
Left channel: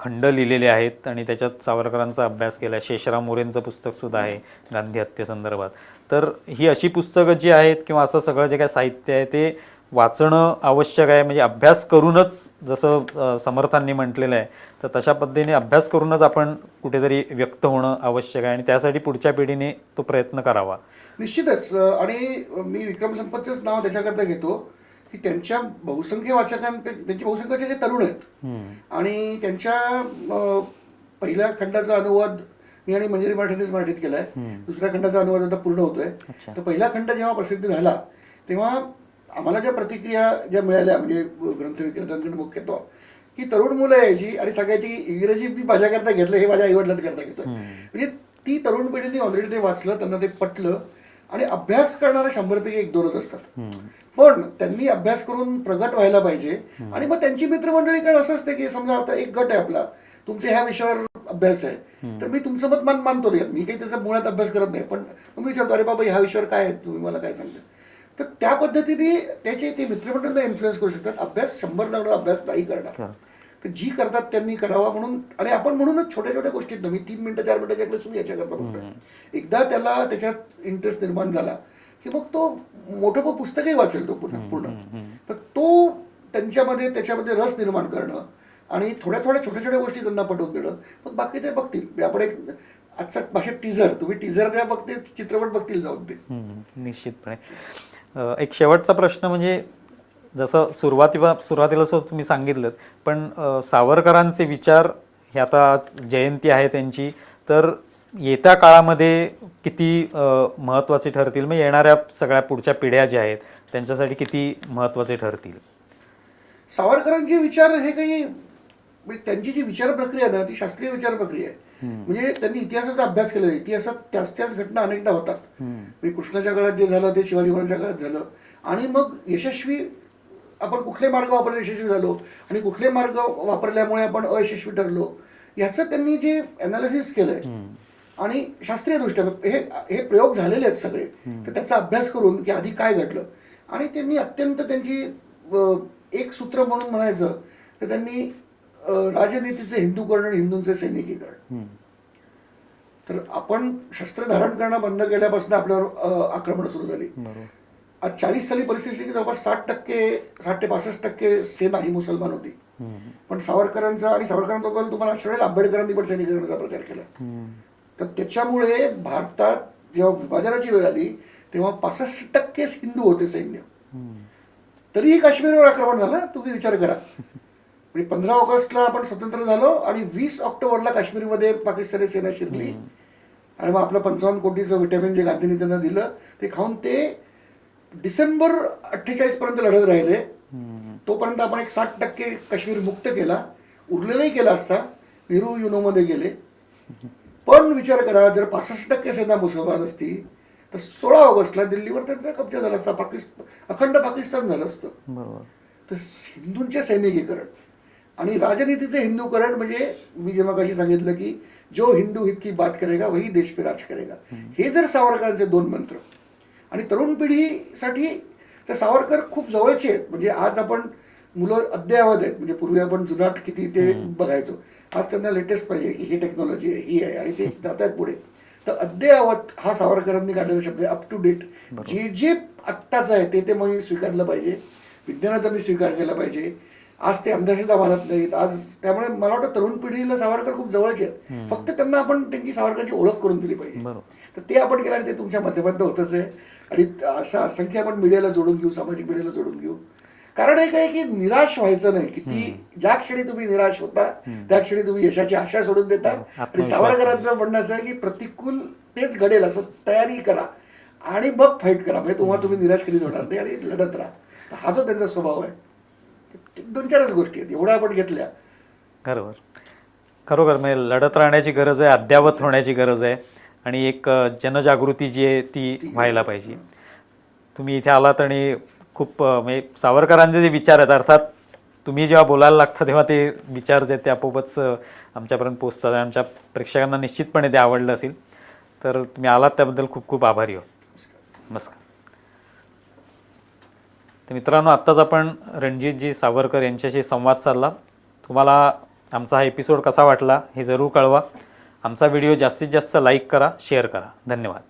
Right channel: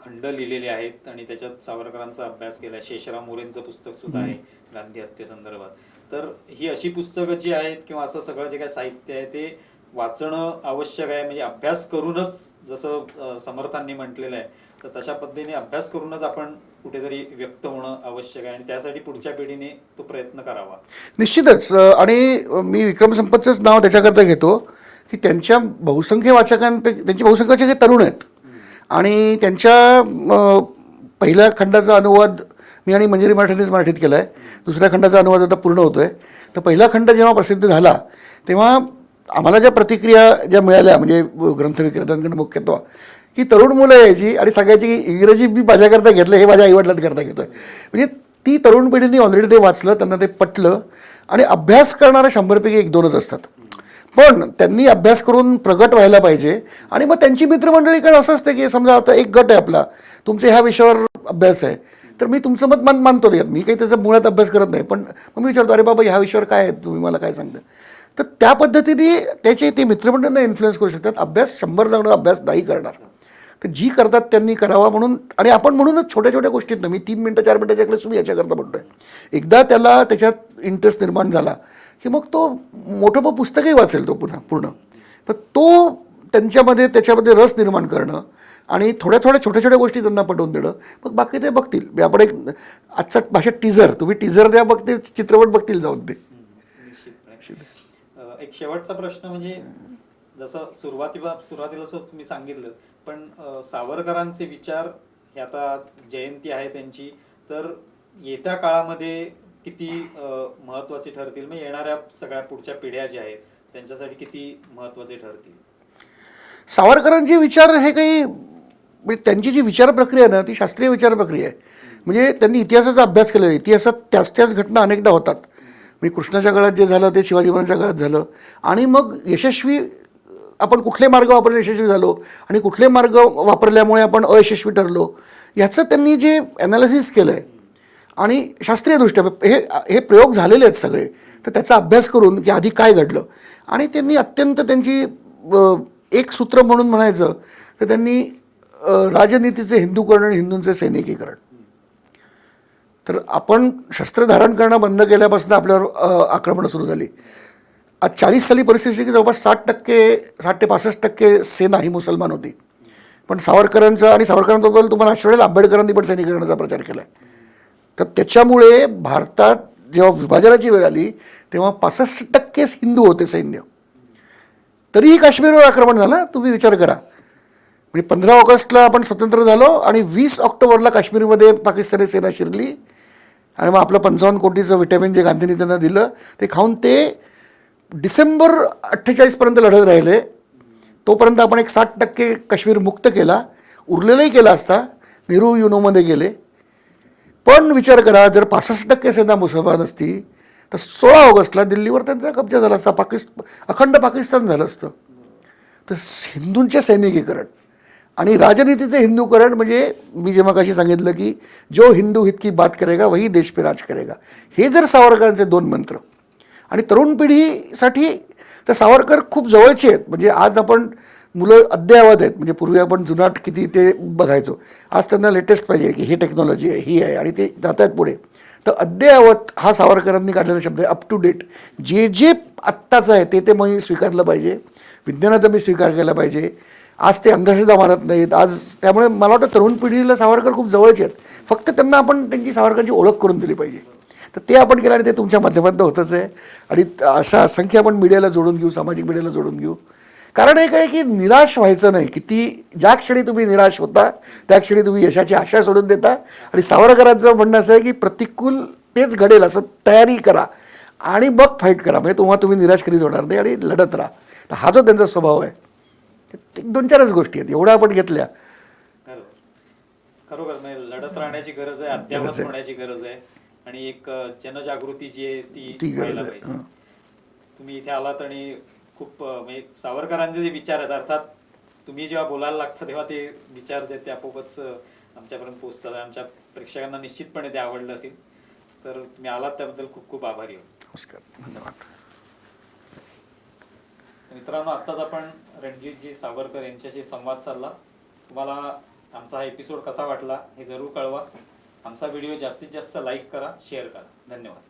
खंड लिहिलेले आहेत आणि त्याच्यात सावरकरांचा अभ्यास केला. शेषराव मोरेंचं पुस्तक सुद्धा आहे गांधी हत्येसंदर्भात. तर ही अशी पुस्तकं जी आहेत किंवा असं सगळं जे काय साहित्य आहे ते वाचणं आवश्यक आहे. म्हणजे अभ्यास करूनच, जसं समर्थांनी म्हटलेलं आहे, तर तशा पद्धतीने अभ्यास करूनच आपण कुठेतरी व्यक्त होणं आवश्यक आहे, आणि त्यासाठी पुढच्या पिढीने तो प्रयत्न करावा. निश्चितच. आणि मी विक्रम संपतचंच नाव त्याच्याकरता घेतो की त्यांच्या बहुसंख्य वाचकांपैकी त्यांचे बहुसंख्य वाचक हे तरुण आहेत, आणि त्यांच्या पहिल्या खंडाचा अनुवाद मी आणि मंजिरी मराठीनेच मराठीत केला आहे. दुसऱ्या खंडाचा अनुवाद आता पूर्ण होतोय. तर पहिला खंड जेव्हा प्रसिद्ध झाला तेव्हा आम्हाला ज्या प्रतिक्रिया ज्या मिळाल्या म्हणजे ग्रंथ विक्रेत्यांकडून मुख्यत्व की तरुण मुलं यायची आणि सगळ्याची इंग्रजी मी माझ्याकरता घेतलं हे माझ्या आईवडिलांकरता घेतोय. म्हणजे ती तरुण पिढीने ऑलरेडी ते वाचलं, त्यांना ते पटलं आणि अभ्यास करणारे 100पैकी 1-2च असतात. पण त्यांनी अभ्यास करून प्रगट व्हायला पाहिजे आणि मग त्यांची मित्रमंडळी काय असं असते की समजा आता एक गट आहे आपला, तुमचे ह्या विषयावर अभ्यास आहे तर मी तुमचं मत मानतो. मी काही त्याचा मुळात अभ्यास करत नाही, पण मग मी विचारतो अरे बाबा ह्या विषयावर काय आहे, तुम्ही मला काय सांगता. तर त्या पद्धतीने त्याचे ते मित्रमंडळांना इन्फ्लुएन्स करू शकतात. अभ्यास 100 जण अभ्यास नाही करणार, तर जी करतात त्यांनी करावा म्हणून. आणि आपण म्हणूनच छोट्या छोट्या गोष्टीत मी 3 मिनिटं 4 मिनिटाच्या क्लास मी याच्याकरता म्हणतोय. एकदा त्याला त्याच्यात इंटरेस्ट निर्माण झाला की मग तो मोठं पुस्तकही वाचेल तो पूर्ण. तर तो त्याच्यामध्ये रस निर्माण करणं आणि थोड्या छोट्या गोष्टी त्यांना पटवून देणं, मग बाकी ते बघतील. आपण एक आजच्या भाषेत टीझर, तुम्ही टीझर द्या बघते चित्रपट बघतील जाऊन ते. निश्चितपणे. एक शेवटचा प्रश्न म्हणजे जसं सुरुवातीला तुम्ही सांगितलं, पण सावरकरांचे विचार हे आता आज जयंती आहे त्यांची, तर येत्या काळामध्ये किती महत्त्वाचे ठरतील, मग येणाऱ्या सगळ्या पुढच्या पिढ्या ज्या आहेत त्यांच्यासाठी किती महत्त्वाचे ठरतील? सावरकरांचे विचार हे काही त्यांची जी विचार प्रक्रिया आहे ना ती शास्त्रीय विचार प्रक्रिया आहे. म्हणजे त्यांनी इतिहासाचा अभ्यास केलेला, इतिहासात त्याच घटना अनेकदा होतात. म्हणजे कृष्णाच्या काळात जे झालं ते शिवाजी महाराजांच्या काळात झालं आणि मग यशस्वी आपण कुठले मार्ग वापरले यशस्वी झालो आणि कुठले मार्ग वापरल्यामुळे आपण अयशस्वी ठरलो याचं त्यांनी जे ॲनालिसिस केलं आहे आणि शास्त्रीयदृष्ट्या हे प्रयोग झालेले आहेत सगळे. तर त्याचा अभ्यास करून की आधी काय घडलं आणि त्यांनी अत्यंत त्यांची एक सूत्र म्हणून म्हणायचं तर त्यांनी राजनीतीचे हिंदूकरण आणि हिंदूंचे सैनिकीकरण. तर आपण शस्त्र धारण करणं बंद केल्यापासून आपल्यावर आक्रमणं सुरू झाली. आज 40 साली परिस्थिती की जवळपास 60% ते 65% सेना ही मुसलमान होती. पण सावरकरांबरोबर तुम्हाला अशा वेळेला आंबेडकरांनी पण सैनिकीकरणाचा प्रचार केला. तर त्याच्यामुळे भारतात जेव्हा विभाजनाची वेळ आली तेव्हा 65% हिंदू होते सैन्य, तरीही काश्मीरवर आक्रमण झालं. तुम्ही विचार करा. म्हणजे 15 ऑगस्टला आपण स्वतंत्र झालो आणि 20 ऑक्टोबरला काश्मीरमध्ये पाकिस्तानी सेना शिरली आणि मग आपलं 55 कोटीचं व्हिटॅमिन जे गांधींनी त्यांना दिलं ते खाऊन ते डिसेंबर 48 पर्यंत लढत राहिले. तोपर्यंत आपण एक 60% काश्मीर मुक्त केला, उरलेलाही केला असता. नेहरू युनोमध्ये गेले. पण विचार करा जर 65% सेना मुसलमान असती तर 16 ऑगस्टला दिल्लीवर त्यांचा कब्जा झाला असता, अखंड पाकिस्तान झालं असतं. तर हिंदूंचे सैनिकीकरण आणि राजनीतीचे हिंदूकरण म्हणजे मी जे मगाशी सांगितलं की जो हिंदू हित की बात करेगा वही देश पे राज करेगा, हे जर सावरकरांचे 2 मंत्र. आणि तरुण पिढीसाठी तर सावरकर खूप जवळचे आहेत. म्हणजे आज आपण मुलं अद्ययावत आहेत. म्हणजे पूर्वी आपण जुनाट किती ते बघायचो, आज त्यांना लेटेस्ट पाहिजे की ही टेक्नॉलॉजी आहे ही आहे आणि ते जात आहेत पुढे. तर अद्ययावत हा सावरकरांनी काढलेला शब्द आहे. अप टू डेट जे आत्ताचं आहे ते मी स्वीकारलं पाहिजे. विज्ञानाचा मी स्वीकार केला पाहिजे. आज ते अंधश्रद्धा मानत नाहीत आज. त्यामुळे मला वाटतं तरुण पिढीला सावरकर खूप जवळचे आहेत. फक्त त्यांना आपण त्यांची सावरकरांची ओळख करून दिली पाहिजे. तर ते आपण केलं आणि ते तुमच्या माध्यमातून होतच आहे. आणि अशा असंख्य आपण मीडियाला जोडून घेऊ, सामाजिक मीडियाला जोडून घेऊ. कारण एक आहे की निराश व्हायचं नाही. ज्या क्षणी तुम्ही निराश होता त्या क्षणी तुम्ही यशाची आशा सोडून देता. आणि सावरकरांचं म्हणणं असं आहे की प्रतिकूल तेच घडेल असं तयारी करा आणि मग फाईट करा. म्हणजे तुम्ही निराश कधीच होणार नाही आणि लढत राहा. हा जो त्यांचा स्वभाव आहे. 2-4च गोष्टी आहेत एवढ्या आपण घेतल्या. खरोखर म्हणजे लढत राहण्याची गरज आहे, अद्यावत होण्याची गरज आहे आणि एक जनजागृती जी आहे ती व्हायला पाहिजे. तुम्ही इथे आलात आणि खूप म्हणजे सावरकरांचे जे विचार आहेत, अर्थात तुम्ही जेव्हा बोलायला लागता तेव्हा ते विचार जे आहेत ते आपोआपच आमच्यापर्यंत पोचतात आणि आमच्या प्रेक्षकांना निश्चितपणे ते आवडलं असेल. तर तुम्ही आलात त्याबद्दल खूप खूप आभारी हो. नमस्कार. तर मित्रांनो, आत्ताच आपण रणजितजी सावरकर यांच्याशी संवाद साधला. तुम्हाला आमचा हा एपिसोड कसा वाटला हे जरूर कळवा. आमचा व्हिडिओ जास्तीत जास्त लाईक करा, शेअर करा. धन्यवाद.